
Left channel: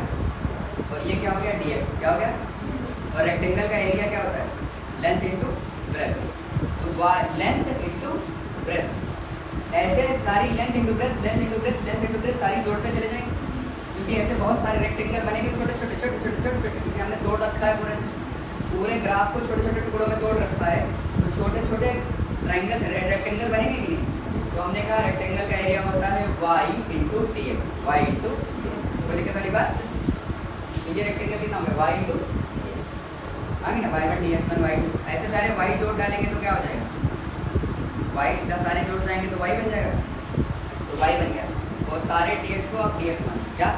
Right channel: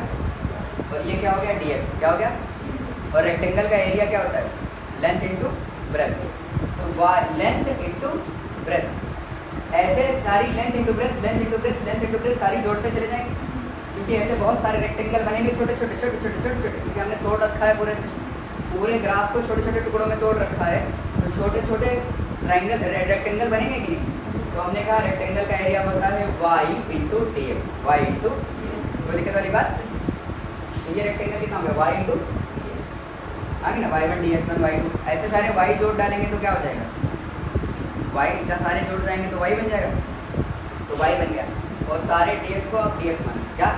और ये क्या हो गया? dx, क्या हो गया? और रेक्टेंगल का एरिया क्या होता है? Length into breadth. तो y लेंथ इंटू ब्रेथ, ऐसे सारी length into breadth, length into breadth, length into breadth सारी जोड़ते चले जाएंगे, क्योंकि ऐसे बहुत सारे रेक्टेंगल बनेंगे छोटे छोटे छोटे छोटे छोटे छोटे, क्योंकि हमने तोड़ रखा है पूरे ग्राफ को छोटे छोटे टुकड़ों में तोड़ रखा है। तो छोटे छोटे ट्राइंगल रेक्टेंगल बनेंगे कि नहीं? तो हमने कहा रेक्टेंगल का एरिया होता है y into D X, Y into, कोई दिक्कत वाली बात? ये रेक्टेंगल कितना हो गया? y इंटू आगे ना y1 dx1 y2, ऐसे सारे y जोड़ डालेंगे तो क्या हो जाएगा, y सारे जोड़ जाएंगे तो y बन जाएगा, तो y बन गया। और सारे dx को आप dx मान क्या,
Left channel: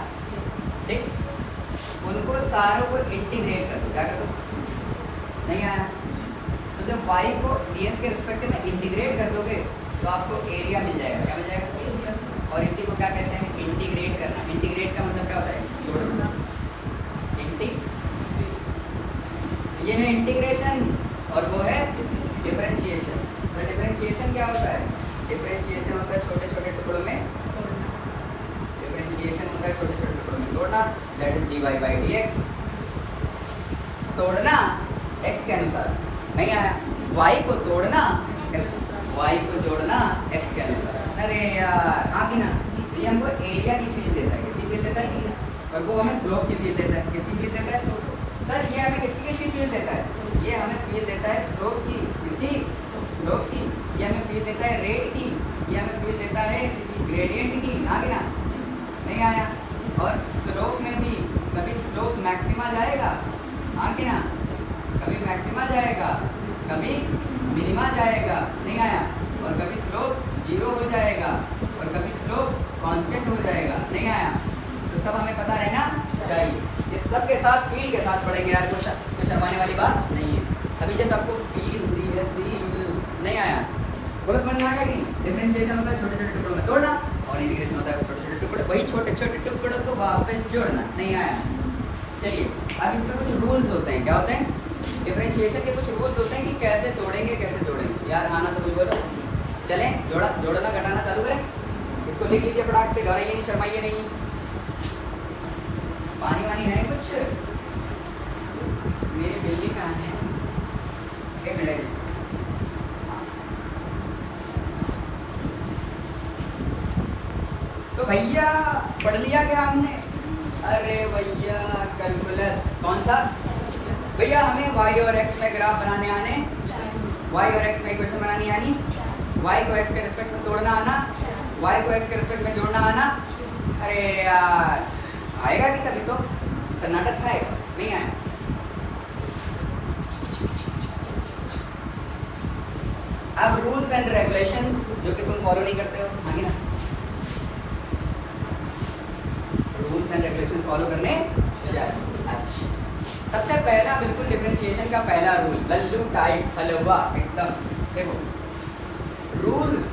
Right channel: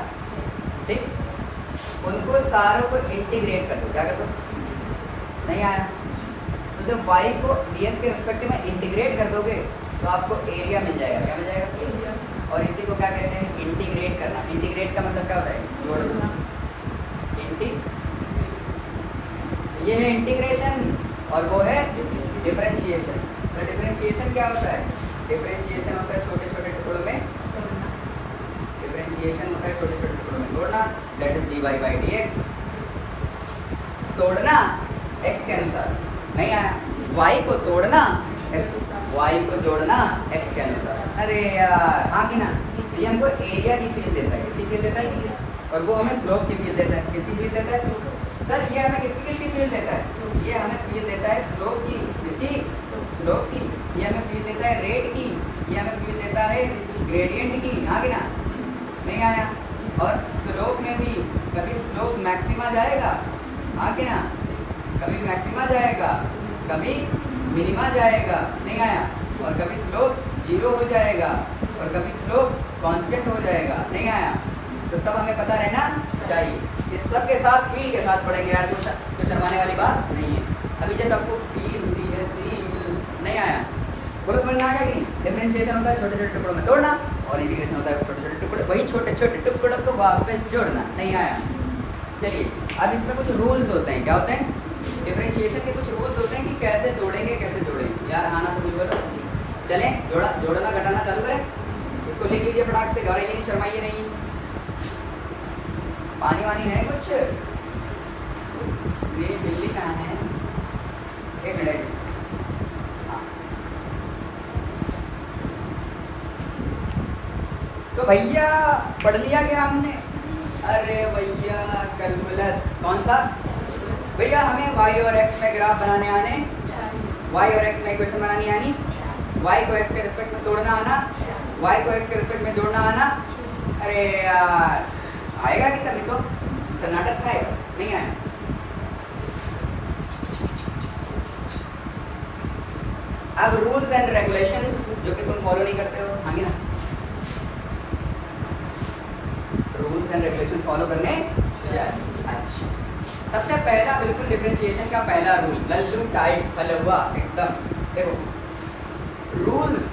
ठीक, उनको सारों को इंटीग्रेट कर दो, क्या कर दो, नहीं आया तो जब y को dx के रिस्पेक्ट में इंटीग्रेट कर दोगे तो आपको एरिया मिल जाएगा, क्या मिल जाएगा, और इसी को क्या कहते हैं, इंटीग्रेट करना। इंटीग्रेट का मतलब क्या होता है, जोड़ना। ये है इंटीग्रेशन और वो है डिफरेंशिएशन। तो डिफरेंशिएशन क्या होता है, डिफरेंशिएशन होता है छोटे छोटे टुकड़ों में, डिफरेंशिएशन होता है छोटे छोटे टुकड़ों में तोड़ना, that is dy by dx, तोड़ना x के अनुसार, नहीं आया, y को तोड़ना y को जोड़ना x के अनुसार। अरे यार आगे ना, ये हमको एरिया की फील्ड देता है, किसकी फील्ड देता है, और वो हमें स्लोप की फील्ड देता है, किसकी फील्ड देता है सर, ये हमें किसकी फील्ड देता है, ये हमें फील्ड देता है स्लोप की, किसकी, स्लोप की, ये हमें फील्ड देता है रेट की, ये हमें फील्ड देता है ग्रेडियंट की, आगे ना, नहीं आया, और स्लोप में भी कभी स्लोप मैक्सिमा जाएगा, आगे ना, कभी मैक्सिमा जाएगा, कभी मिनिमा जाएगा, नहीं आया, और कभी स्लोप जीरो हो जाएगा, और कभी स्लोप कांस्टेंट हो जाएगा, नहीं आया, तो सब हमें पता रहना चाहिए। ये सब के साथ फील के साथ पढ़ेंगे यार, कुछ शर्माने वाली बात नहीं है। अभी जैसे आपको फील होती है, फील नहीं आया, बोलो समझ में आ गया कि डिफरेंशिएशन होता है छोटे छोटे टुकड़ों में तोड़ना, और इंटीग्रेशन होता है छोटे छोटे टुकड़े, वही छोटे छोटे टुकड़ों को वापस जोड़ना, नहीं आया। चलिए अब इसमें कुछ रूल्स होते हैं, क्या होते हैं, डिफरेंशिएशन के कुछ रूल्स होते हैं कि कैसे जोड़ेंगे, कैसे जोड़ेंगे। यार आना तो कुछ बोलो, चलें जोड़ना घटाना चालू करें, इसको लिख लीजिए फटाक से, घबराइए नहीं, शर्माइए नहीं। पानी वानी है कुछ, मेरी बिजली कहाँ है, एक मिनट, तो भैया पढ़ लिया क्या हमने, अरे भैया कैलकुलस कौन सा भैया, हमें y और x में ग्राफ बनाने आने, y और x में इक्वेशन बनानी आनी, y को x के रिस्पेक्ट में तोड़ना आना, y को x के रिस्पेक्ट में जोड़ना आना। अरे यार आएगा कि तभी तो सन्नाटा छाएगा, नहीं आया। अब रूल्स एंड रेगुलेशंस जो कि तुम फॉलो नहीं करते हो, आगे ना, रूल्स एंड रेगुलेशन फॉलो करने चाहिए। अच्छा, सबसे पहला बिल्कुल डिफरेंशिएशन का पहला रूल, लल्लू टाइप हलवा एकदम, देखो रूल्स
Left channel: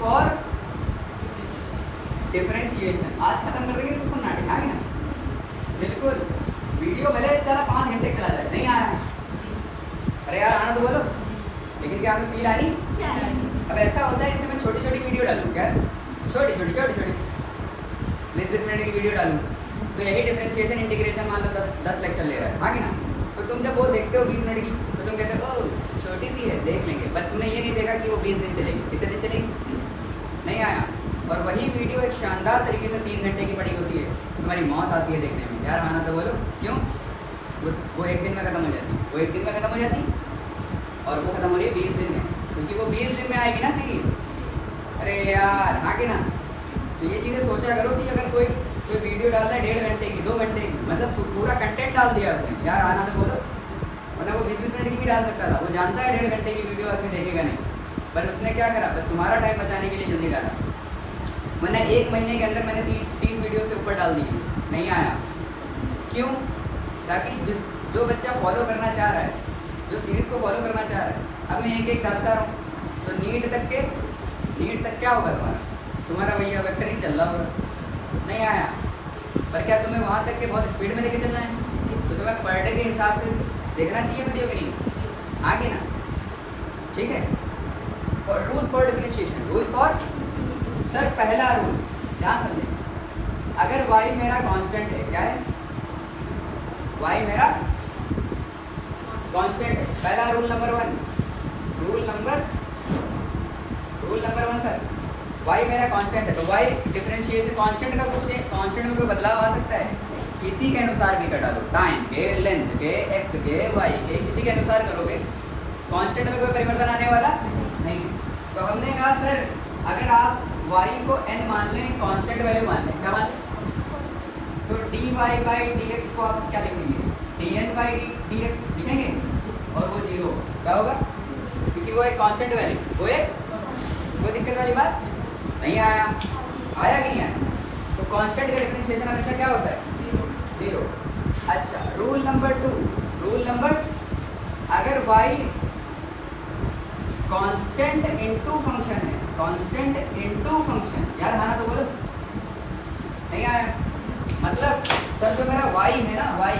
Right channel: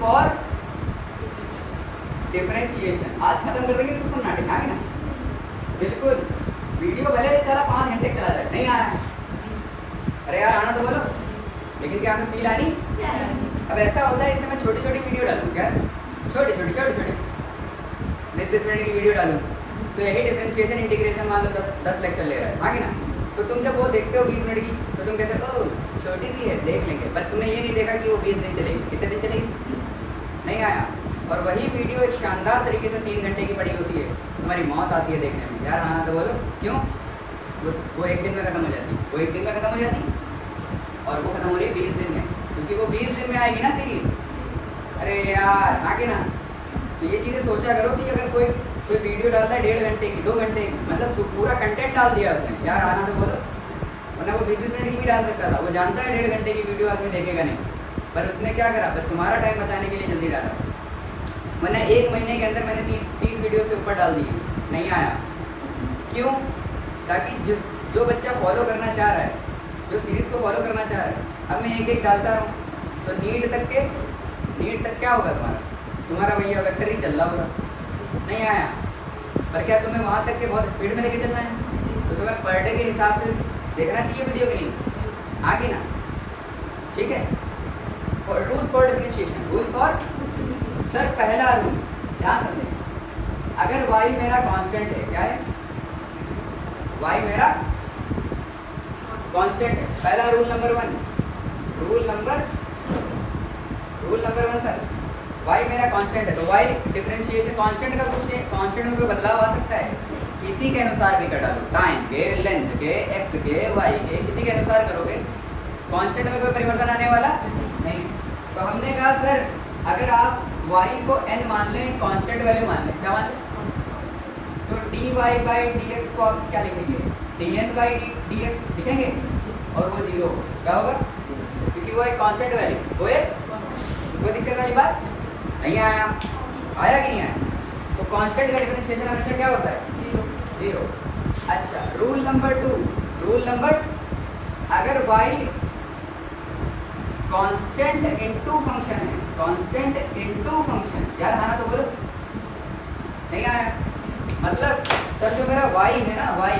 फॉर डिफरेंशिएशन। आज खत्म कर देंगे इसको, सुनना है ना, बिल्कुल वीडियो भले चला 5 घंटे चला जाए, नहीं आया है, अरे यार आना तो बोलो, लेकिन क्या हमें फील आनी। अब ऐसा होता है, इससे मैं छोटी छोटी वीडियो डालूँ क्या, छोटी 10 मिनट की वीडियो डालूँ, तो यही डिफरेंशिएशन इंटीग्रेशन मान लो 10 लेक्चर ले रहा है, हाँ कि ना, तो तुम जब वो देखते हो 20 मिनट की, तो तुम कहते हो छोटी सी है देख लेंगे, पर तुमने ये नहीं देखा कि वो 20 दिन चलेगी, कितने दिन चलेगी, नहीं आया। और वही वीडियो एक शानदार तरीके से 3 घंटे की पड़ी होती है, तुम्हारी मौत आती है देखने में, यार आना तो बोलो, क्यों, वो एक दिन में ख़त्म हो जाती, वो एक दिन में ख़त्म हो जाती, और वो ख़त्म हो रही है 20 दिन में, क्योंकि वो 20 दिन में आएगी ना सीरीज़। अरे यार आगे ना, तो ये चीज़ें सोचा करो कि अगर कोई वीडियो डालता है 1.5 घंटे की, 2 घंटे की, मतलब पूरा कंटेंट डाल दिया उसने, यार आना तो बोलो, वरना वो 20 मिनट की भी डाल सकता था, वो जानता है 1.5 घंटे की वीडियो आदमी देखेगा नहीं, पर उसने क्या करा, बस तुम्हारा टाइम बचाने के लिए जल्दी डाला, वरना 1 महीने के अंदर मैंने 30 वीडियो से ऊपर डाल दिए, नहीं आया, क्यों, ताकि जो बच्चा फॉलो करना चाह रहा है, जो सीरीज़ को फॉलो करना चाह रहा है, अब मैं एक डालता रहूँ, तो नीट तक क्या होगा तुम्हारा भैया वेक्टर ही चल रहा होगा, नहीं आया, पर क्या तुम्हें वहाँ तक के बहुत स्पीड में लेके चलना है, तो तुम्हें पर डे के हिसाब से देखना चाहिए वीडियो की, नहीं आगे ना, ठीक है। Rules for differentiation, rules for, sir पहला रूल ध्यान समझे, अगर y मेरा कांस्टेंट है, क्या है, y मेरा कांस्टेंट है, पहला rule number 1, rule number 1 sir, y मेरा कांस्टेंट है, तो y डिफरेंशिएशन कांस्टेंट का कुछ, कांस्टेंट में कोई बदलाव आ सकता है, किसी के अनुसार भी कटा लो, टाइम के, लेंथ के, x के, y के, किसी के अनुसार करोगे, कांस्टेंट में कोई परिवर्तन आने वाला नहीं। तो हमने कहा सर अगर आप y को n मान लें, कांस्टेंट वैल्यू मान लें, क्या मान लें, तो dy by dx को आप क्या लिखेंगे, dn by dx लिखेंगे और वो 0 क्या होगा, क्योंकि वो एक कांस्टेंट वैल्यू, वो एक कोई दिक्कत वाली बात नहीं आया कि नहीं आया। तो कांस्टेंट का डिफरेंशिएशन हमेशा क्या होता है, 0। अच्छा, रूल नंबर 2, रूल नंबर, अगर y कांस्टेंट इनटू फंक्शन है, कांस्टेंट इनटू फंक्शन, यार आना तो बोलो, नहीं आया, मतलब सर जो मेरा y है ना, y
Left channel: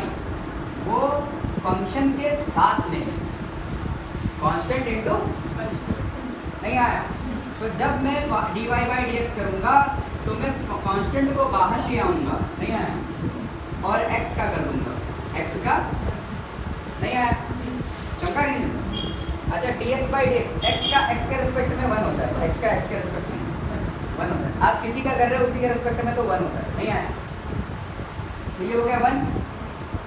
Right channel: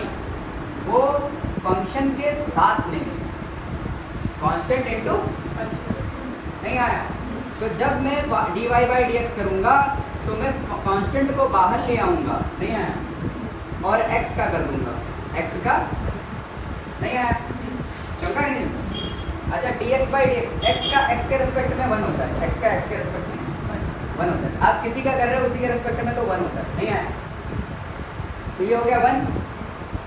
वो फंक्शन के साथ में कांस्टेंट इनटू नहीं आया। तो जब मैं dy by dx करूँगा तो मैं कांस्टेंट को बाहर ले आऊँगा, नहीं आया, और x का कर दूँगा, x का नहीं आया, चमका कि नहीं। अच्छा, dx by dx, x के रेस्पेक्ट में 1 होता है, x के रेस्पेक्ट में 1 होता है। आप किसी का कर रहे हो उसी के रेस्पेक्ट में तो 1 होता है, नहीं आया। तो ये हो गया 1,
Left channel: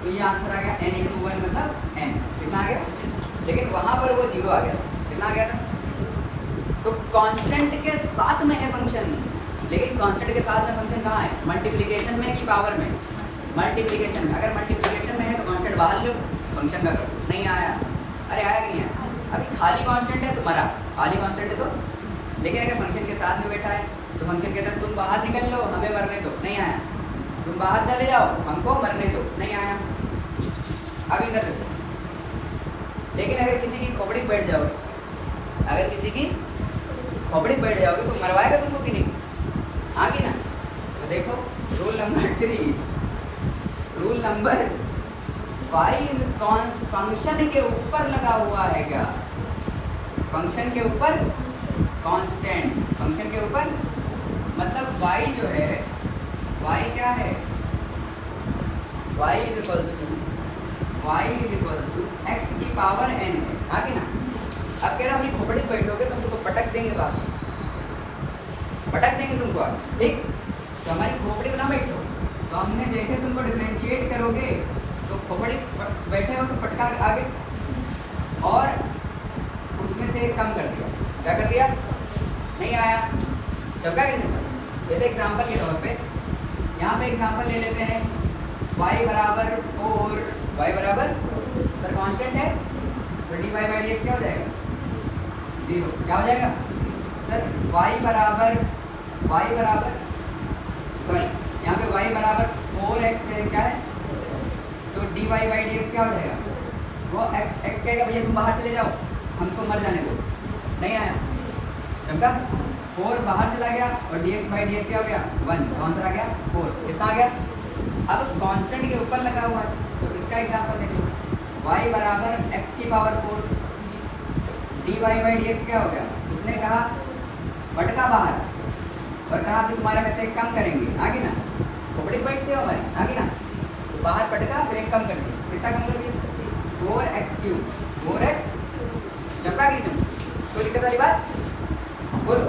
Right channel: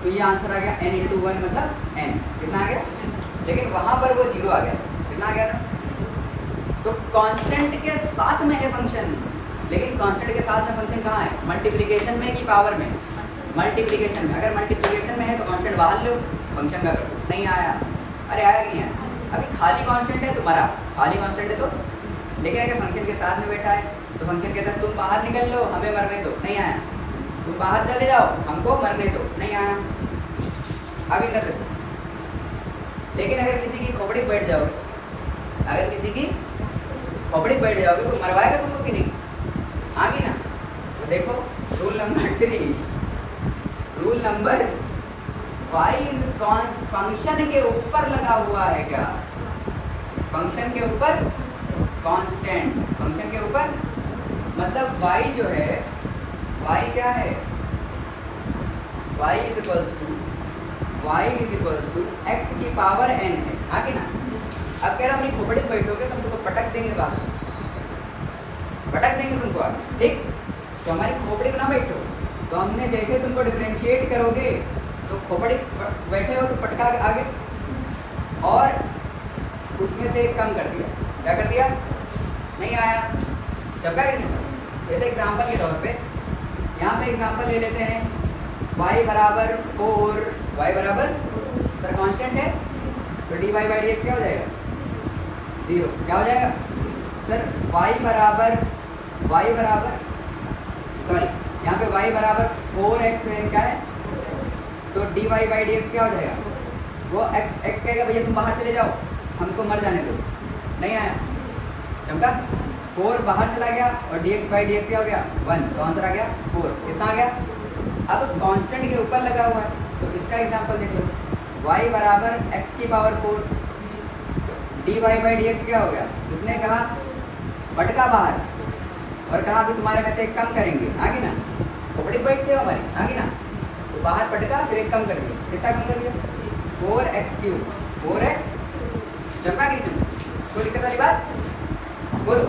तो ये आंसर आ गया n इंटू 1 मतलब n, कितना आ गया, लेकिन वहाँ पर वो 0 आ गया, कितना आ गया था। तो कांस्टेंट के साथ में है फंक्शन, लेकिन कांस्टेंट के साथ में फंक्शन कहाँ है, मल्टीप्लिकेशन में कि पावर में, मल्टीप्लिकेशन में। अगर मल्टीप्लिकेशन में है तो कांस्टेंट बाहर लो, फंक्शन का करो, नहीं आया। अरे आया कि नहीं आया, अभी खाली कांस्टेंट है तो मरा, खाली कांस्टेंट है तो, लेकिन अगर फंक्शन के साथ में बैठा है तो फंक्शन कहता है तुम बाहर निकल लो, हमें मरने दो, नहीं आया। तुम बाहर चले जाओ, हमको मरने दो, नहीं आया। अब इधर देखो, लेकिन अगर किसी की खोपड़ी बैठ जाओगे, अगर किसी की खोपड़ी बैठ जाओगे तो मरवाएगा तुमको कि नहीं, आगे ना। तो देखो rule number 3, rule number y function के ऊपर लगा हुआ है क्या, फंक्शन के ऊपर कांस्टेंट, फंक्शन के ऊपर मतलब y जो है, y क्या है, y is equals to x की पावर n है, आगे ना। अब कह रहा अपनी खोपड़ी बैठोगे तो हम तुमको पटक देंगे, बाहर पटक देंगे तुमको आगे, ठीक। तो हमारी खोपड़ी पर ना बैठो, तो हमने जैसे तुमको डिफरेंशिएट करोगे तो खोपड़ी बैठे हो तो पटका के आगे, और उसमें से कम कर दिया, क्या कर दिया, नहीं आया, चलता है नहीं। जैसे एग्जांपल के तौर पे यहाँ पे एग्जांपल ले लेते हैं, y बराबर 4, y बराबर सर कांस्टेंट है तो dy by dx क्या हो जाएगा, 0, क्या हो जाएगा सर, y बराबर सॉरी यहाँ पे y बराबर 4x है, क्या है, तो dy by dx क्या हो जाएगा, वो x कहेगा भैया तुम बाहर चले जाओ, हमको मर जाने दो, नहीं आया, चमका, 4 बाहर चला गया और dx by dx क्या हो गया, 1, तो आंसर आ गया 4, कितना आ गया। अब कांस्टेंट के ऊपर लगा हुआ है तो इसका एग्जांपल देख लो, y बराबर x की पावर 4, dy by dx क्या हो गया, उसने कहा पटका बाहर और कहा कि तुम्हारे में से एक कम करेंगे, आगे ना, खोपड़ी बैठते हो हमारी, आगे ना, तो बाहर पटका फिर एक कम कर दिया, कितना कम कर दिया, 4x3, 4x, चमका कि तुम, कोई दिक्कत वाली बात, बोलो।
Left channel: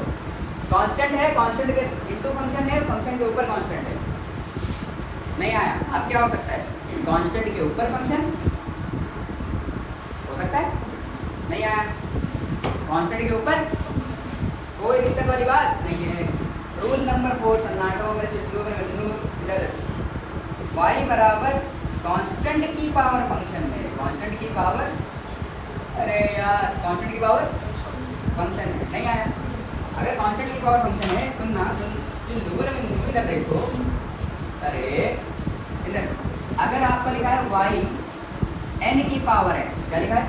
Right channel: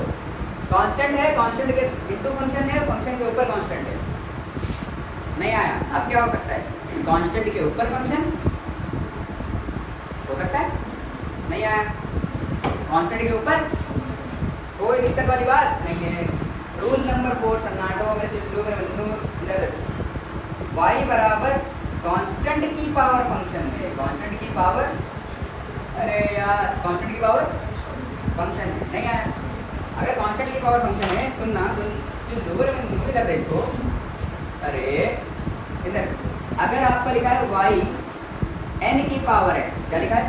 कांस्टेंट है, कांस्टेंट के इनटू फंक्शन है, फंक्शन के ऊपर कांस्टेंट है, नहीं आया। अब क्या हो सकता है, कांस्टेंट के ऊपर फंक्शन हो सकता है, नहीं आया, कांस्टेंट के ऊपर कोई दिक्कत वाली बात नहीं है। रूल नंबर 4, सन्नाटो में y बराबर कांस्टेंट की पावर फंक्शन है, कांस्टेंट की पावर, अरे यार कांस्टेंट की पावर फंक्शन है, नहीं आया। अगर कांस्टेंट की पावर फंक्शन है, सुनना सुन, दूर में इधर देखो, अरे इधर अगर आपका लिखा है y n की पावर x, क्या लिखा है,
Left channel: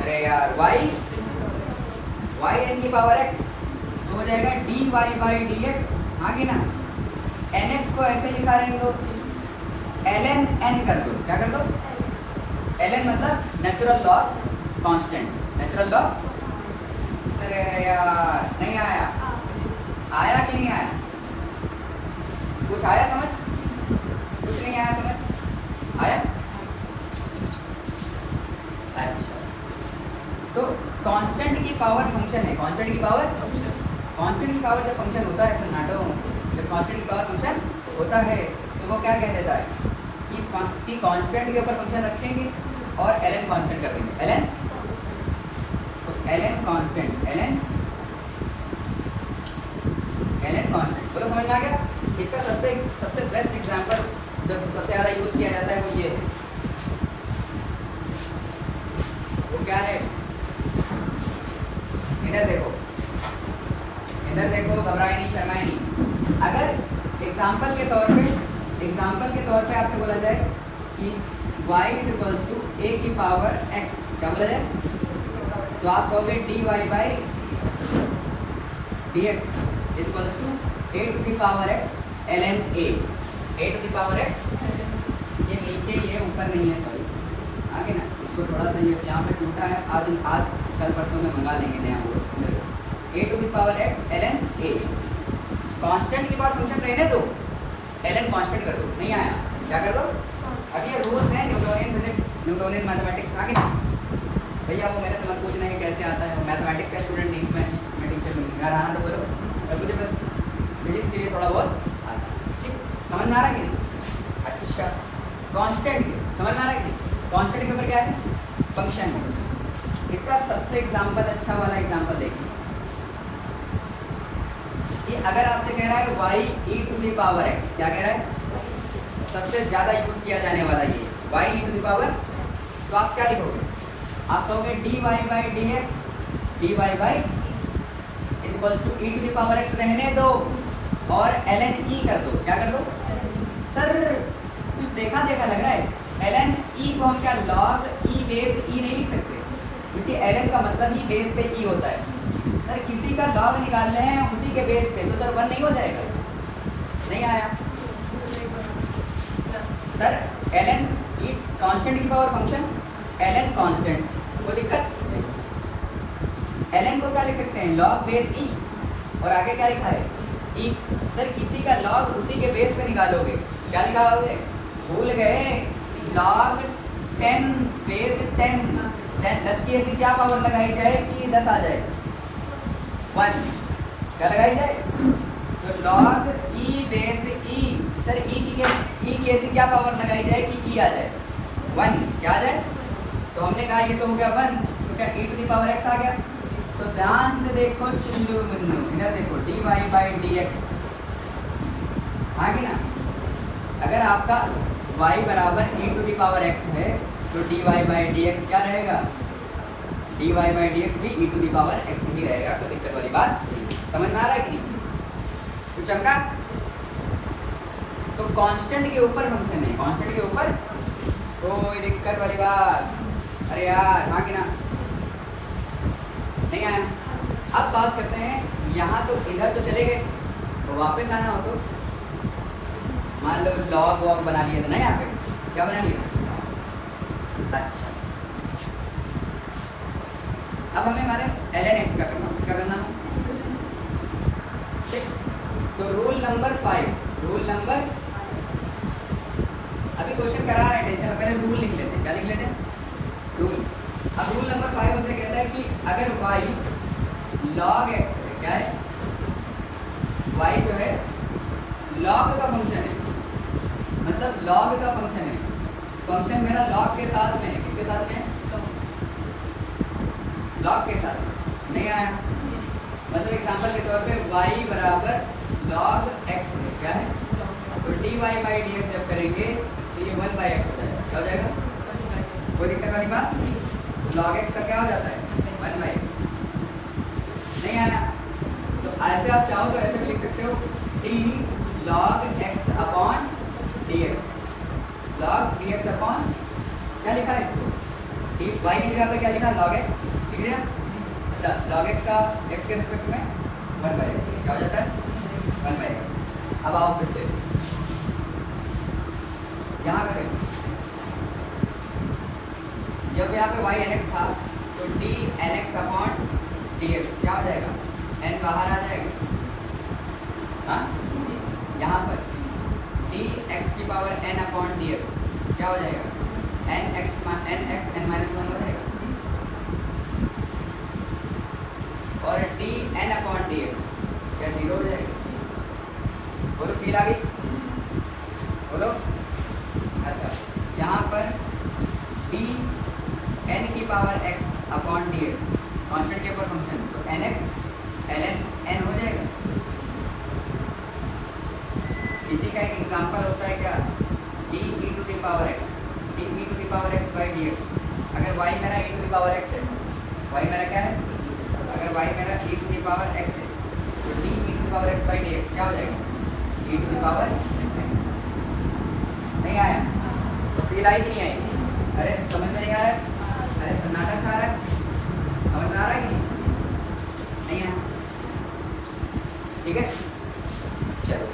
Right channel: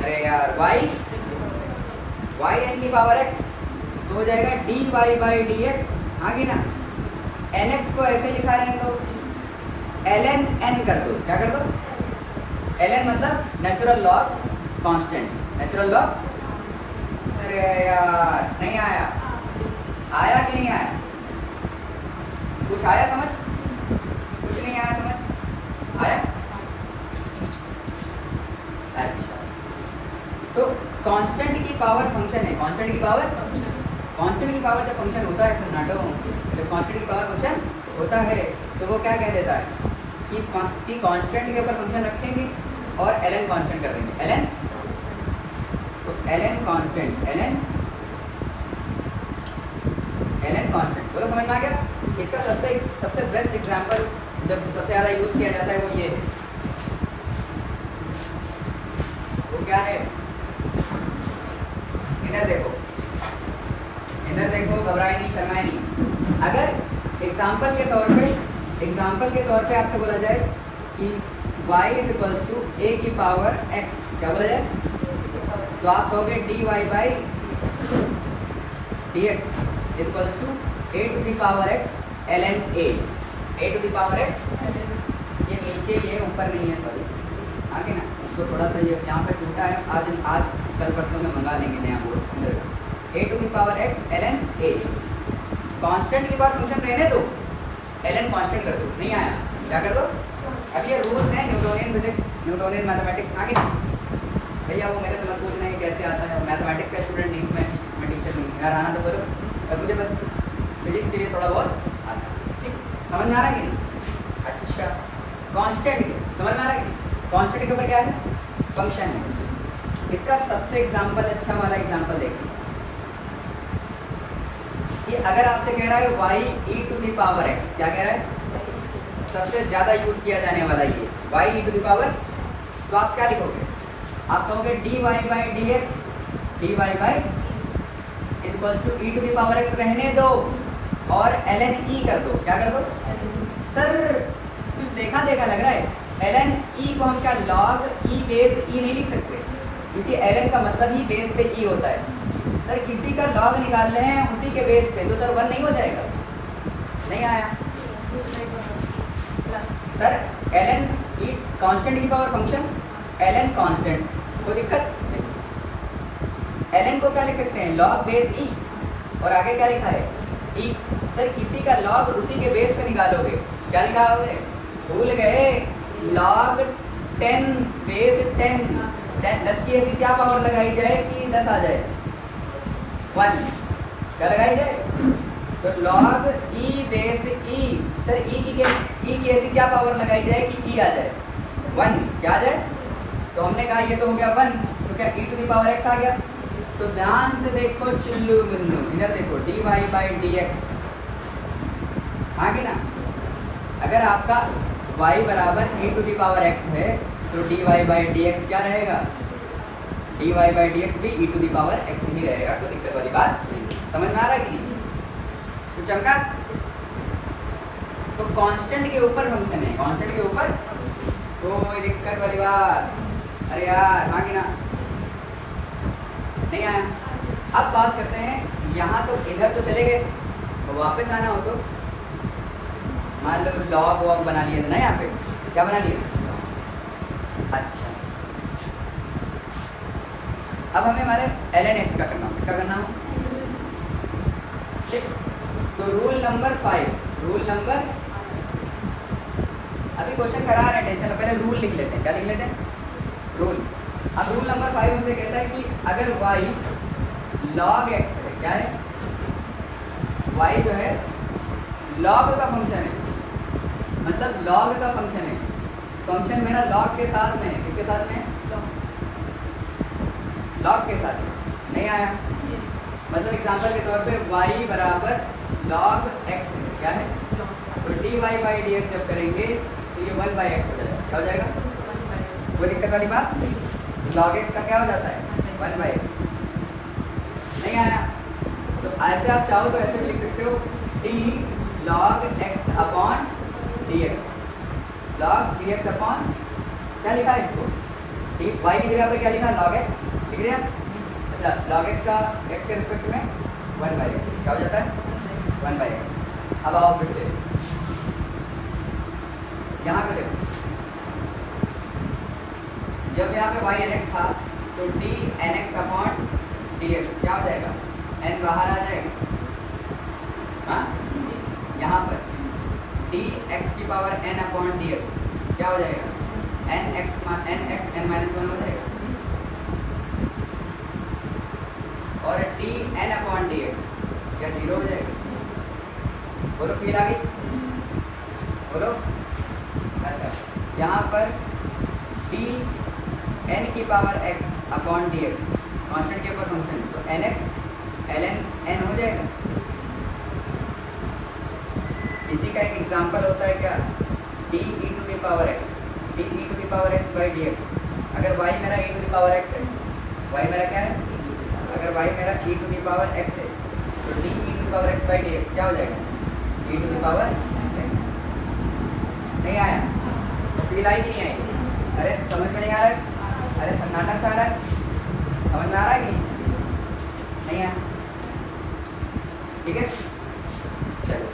अरे यार y n की पावर x, तो हो जाएगा dy by dx, आगे ना, nx को ऐसे लिखा रहने दो, ln n कर दो, क्या कर दो, ln मतलब natural log constant, natural log, अरे यार नहीं आया, आया कि नहीं आया, कुछ आया समझ, कुछ नहीं आया समझ, आया, अच्छा। तो कांस्टेंट की पावर फंक्शन है, कांस्टेंट की पावर जब फंक्शन होता है सन्नाटो, जब कांस्टेंट की पावर फंक्शन होता है तो वो क्या कह देता है कि कांस्टेंट के ऊपर फंक्शन रखेंगे और ln कांस्टेंट कर देंगे, ln, तो ln कांस्टेंट, ln कांस्टेंट, बोलो समझ में आ गया। इसका सबसे बेस्ट एग्जांपल जो सबसे ज़्यादा यूज़ किया जाता है वो ये, वो क्या है, इधर देखो, घबराए नहीं, शर्माए नहीं। अगर एग्जाम्पल के तौर पे आपसे बोला जाए कि y इक्वल्स टू a की पावर x, क्या बोला जाए, तो आप कहोगे dy by dx equals to a to the power x ln a, a to the power x, ये नीचे ये ऊपर नहीं है, सॉरी आगे ना, इसको थोड़ा सा ये यहाँ पे टूटा है, आज कल परसों में मंगा लेंगे नया board, a to the power x ln a, constant के बाद फंक्शन रहने दो, ln कांस्टेंट कर दो, नहीं आया क्या कर दो, अब ये रूल्स हैं न्यूटोनियन फिजिक्स, न्यूटोनियन मैथमेटिक्स, आगे ना भैया वो मेरे से मत पूछना है कैसे आता है, मैथमेटिक्स का स्टूडेंट नहीं, मैं टीचर नहीं, यार आना तो बोलो, और मुझे बस फिजिक्स के लिए थोड़ा बहुत आता है, ठीक, समझ में आ रहा है कि नहीं। अच्छा कांस्टेंट के समझ में आ रहा है कि नहीं, कांस्टेंट के ऊपर क्या है, फंक्शन है। इसका सबसे एग्जाम्पल अच्छा वाला एग्जाम्पल देखिए कि अगर आपसे कह रहा है y e to the power x, क्या कह रहा है, सबसे ज़्यादा यूज़ किया जाने वाला ये y e to the power, तो आप क्या लिखोगे, आप कहोगे dy by dy by equals to e to the power x रहने दो और ln e कर दो, क्या कर दो, सर कुछ देखा लग रहा है, ln e को हम क्या log e बेस e नहीं लिख सकते, क्योंकि ln का मतलब ही बेस पे e होता है, सर किसी का log निकाल रहे हैं उसी के बेस पे, तो सर 1 नहीं हो जाएगा, नहीं आया सर, ln e कांस्टेंट की पावर फंक्शन, ln कांस्टेंट, कोई दिक्कत नहीं, ln को क्या लिख सकते हैं, log बेस e, और आगे क्या लिखा है e, सर किसी का log उसी के बेस पे निकालोगे, क्या निकालोगे, भूल गए, log 10 बेस 10 की ऐसी क्या पावर लगाई जाए कि 10 आ जाए, 1 क्या लगाई जाए, तो log e base e, sir e की ऐसी क्या पावर लगाई जाए कि e आ जाए, 1 क्या आ जाए, तो हमने कहा ये तो हो गया 1, तो क्या e to the power x आ गया, तो ध्यान से देखो चुल्लू मुन्नू, इधर देखो dy बाई dx, आगे ना, अगर आपका y बराबर e to the power x है तो dy बाई dx क्या रहेगा, dy बाई dx भी e to the power x ही रहेगा, कोई दिक्कत वाली बात, समझ में आ रहा है कि नहीं, तो चमका, तो कांस्टेंट के ऊपर फंक्शन है, कांस्टेंट के ऊपर कोई दिक्कत वाली बात, अरे यार आगे ना, नहीं आया। अब बात करते हैं, यहाँ तो इधर तो चले गए, तो वापस आना हो तो मान लो लॉग वॉग बना लिए थे ना, यहाँ पे क्या बना लिया, अच्छा अब हमें हमारे ln x का करना, इसका करना है, ठीक, तो रूल नंबर 5, रूल नंबर, अभी क्वेश्चन करा रहे हैं, टेंशन, पहले रूल लिख लेते हैं, क्या लिख लेते हैं, रूल। अब रूल नंबर 5 हमसे कहता है कि अगर y log x है, क्या है, y जो है log का फंक्शन है, मतलब log का फंक्शन है, फंक्शन मेरा log के साथ में है, किसके साथ में है, log के साथ नहीं आया, मतलब एग्जांपल के तौर पे y बराबर log x है, क्या है, तो dy बाई dx जब करेंगे तो ये 1 बाई x हो जाएगा, क्या हो जाएगा, कोई दिक्कत वाली बात, log x का क्या हो जाता है 1 बाई x, नहीं आया, तो ऐसे आप चाहो तो ऐसे भी लिख सकते हो d log x upon dx, log dx upon, क्या लिखा है इसको, y की जगह पे क्या लिखा, log x लिख दिया, अच्छा log x का x के रिस्पेक्ट में 1 बाई x, क्या हो जाता है 1 बाई x। अब आओ फिर से यहाँ पे देखो, जब यहाँ पे y nx था तो d nx अपॉन dx क्या हो जाएगा, n बाहर आ जाएगा, हाँ यहाँ पर d x की पावर n अपॉन dx क्या हो जाएगा, n x n माइनस 1 हो जाएगा, और d n अपॉन dx क्या 0 हो जाएगा, बोलो फील आ गई, बोलो, अच्छा यहाँ पर d n की power x upon dx constant के ऊपर फंक्शन, तो nx ln n हो जाएगा। इसी का एक एग्जांपल होता है क्या, D E to the power X, D E to the power X by D X. अगर y मेरा e to the power x है, y मेरा क्या है, अगर y मेरा e to the power x है, D E to the power x by D X क्या हो जाएगा, e to the power x। नहीं आया तो फील आई कि नहीं आई? अरे समझ में नहीं आ रहा है? अरे सन्नाटा सा आ रहा है, समझ में आ रहा है कि नहीं आया? ठीक है, चलो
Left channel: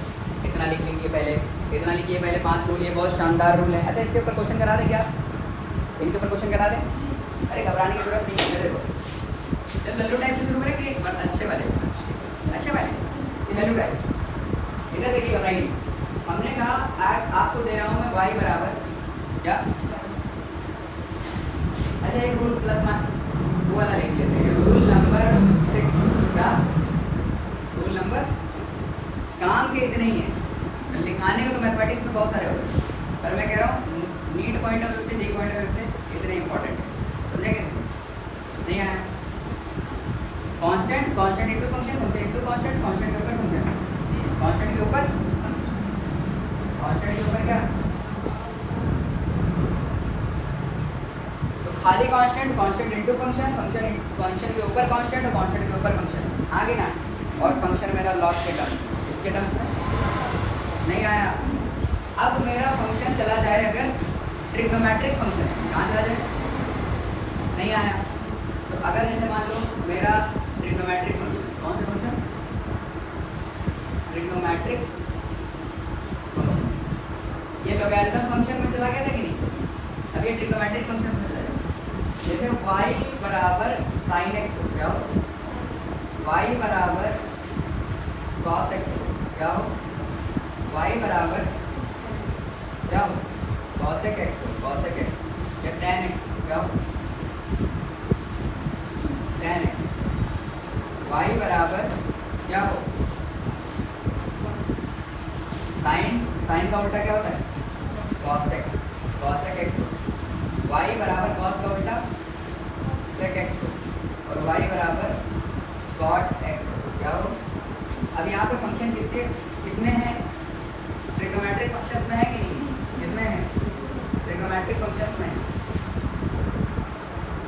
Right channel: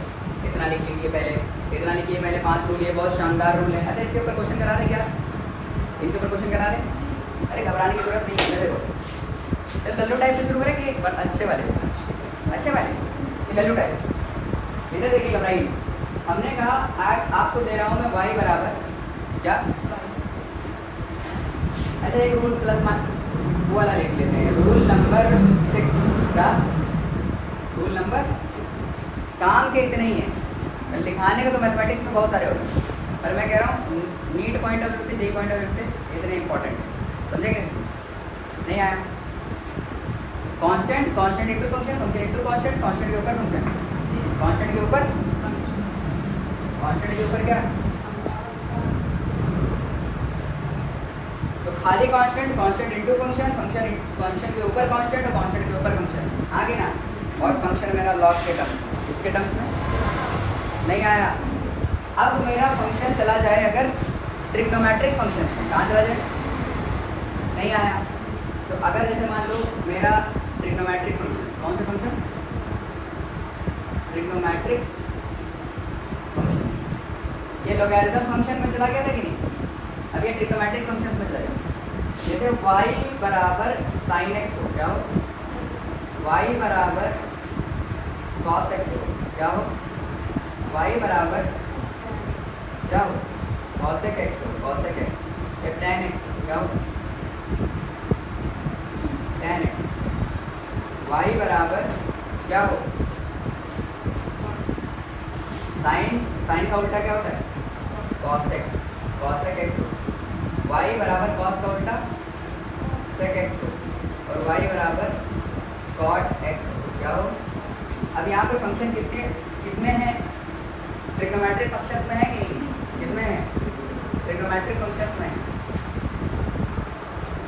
इतना लिख लीजिए पहले, इतना लिखिए पहले। 5 रूल है, बहुत शानदार रूल है। अच्छा इसके ऊपर क्वेश्चन करा दे क्या, इनके ऊपर क्वेश्चन करा दे? अरे घबराने की जरूरत नहीं है, देखो लल्लू टाइप से शुरू करेंगे, बट अच्छे वाले लल्लू टाइप। इधर देखिए, घबराइए। हमने कहा आपको दे रहा हूँ मैं y बराबर क्या, अच्छा एक रूल प्लस मान वो वाला लिख लेते हैं, रूल नंबर 6 का, रूल नंबर, काम के इतने ही हैं, लिखाने के तो मैथमेटिक्स में बहुत सारे होते हैं, पर मैं कह रहा हूँ नीट पॉइंट ऑफ व्यू से, जे पॉइंट ऑफ व्यू से इतने इंपॉर्टेंट है, समझेंगे? नहीं आया? Constant, constant into function, function into constant, constant के ऊपर फंक्शन, कांस्टेंट के ऊपर, कांस्टेंट के ऊपर क्या, तो खाली constant, constant into function, function function के ऊपर कांस्टेंट और कांस्टेंट के ऊपर फंक्शन, आगे ना, और फंक्शन मेरा लॉग के टर्म, इसके टर्म्स में नहीं आया। अब मेरा फंक्शन चला जाए अगर ट्रिग्नोमेट्रिक फंक्शन, कहाँ चला जाए? नहीं आया। तो अगर ऐसे मान लो मेरा ट्रिग्नोमेट्रिक फंक्शन, कौन से फंक्शन, ट्रिग्नोमेट्रिक फंक्शन, ये लॉगरिथम फंक्शन में चला गया था कि नहीं? अब ये ट्रिग्नोमेट्रिक फंक्शन में चला जाए, जैसे y बराबर साइन एक्स हो, क्या हो, y बराबर कॉस एक्स हो, क्या हो, y बराबर क्या हो, कॉसेक एक्स हो, कॉसेक एक्स, या tan एक्स हो, क्या हो, tan एक्स, y बराबर क्या हो, साइन, साइन का उल्टा क्या होता है, कॉसेक, कॉसेक एक्स हो, y बराबर कॉस का उल्टा सेक एक्स हो, और y बराबर कॉट एक्स हो, क्या हो। अब यहाँ पे फंक्शन किसके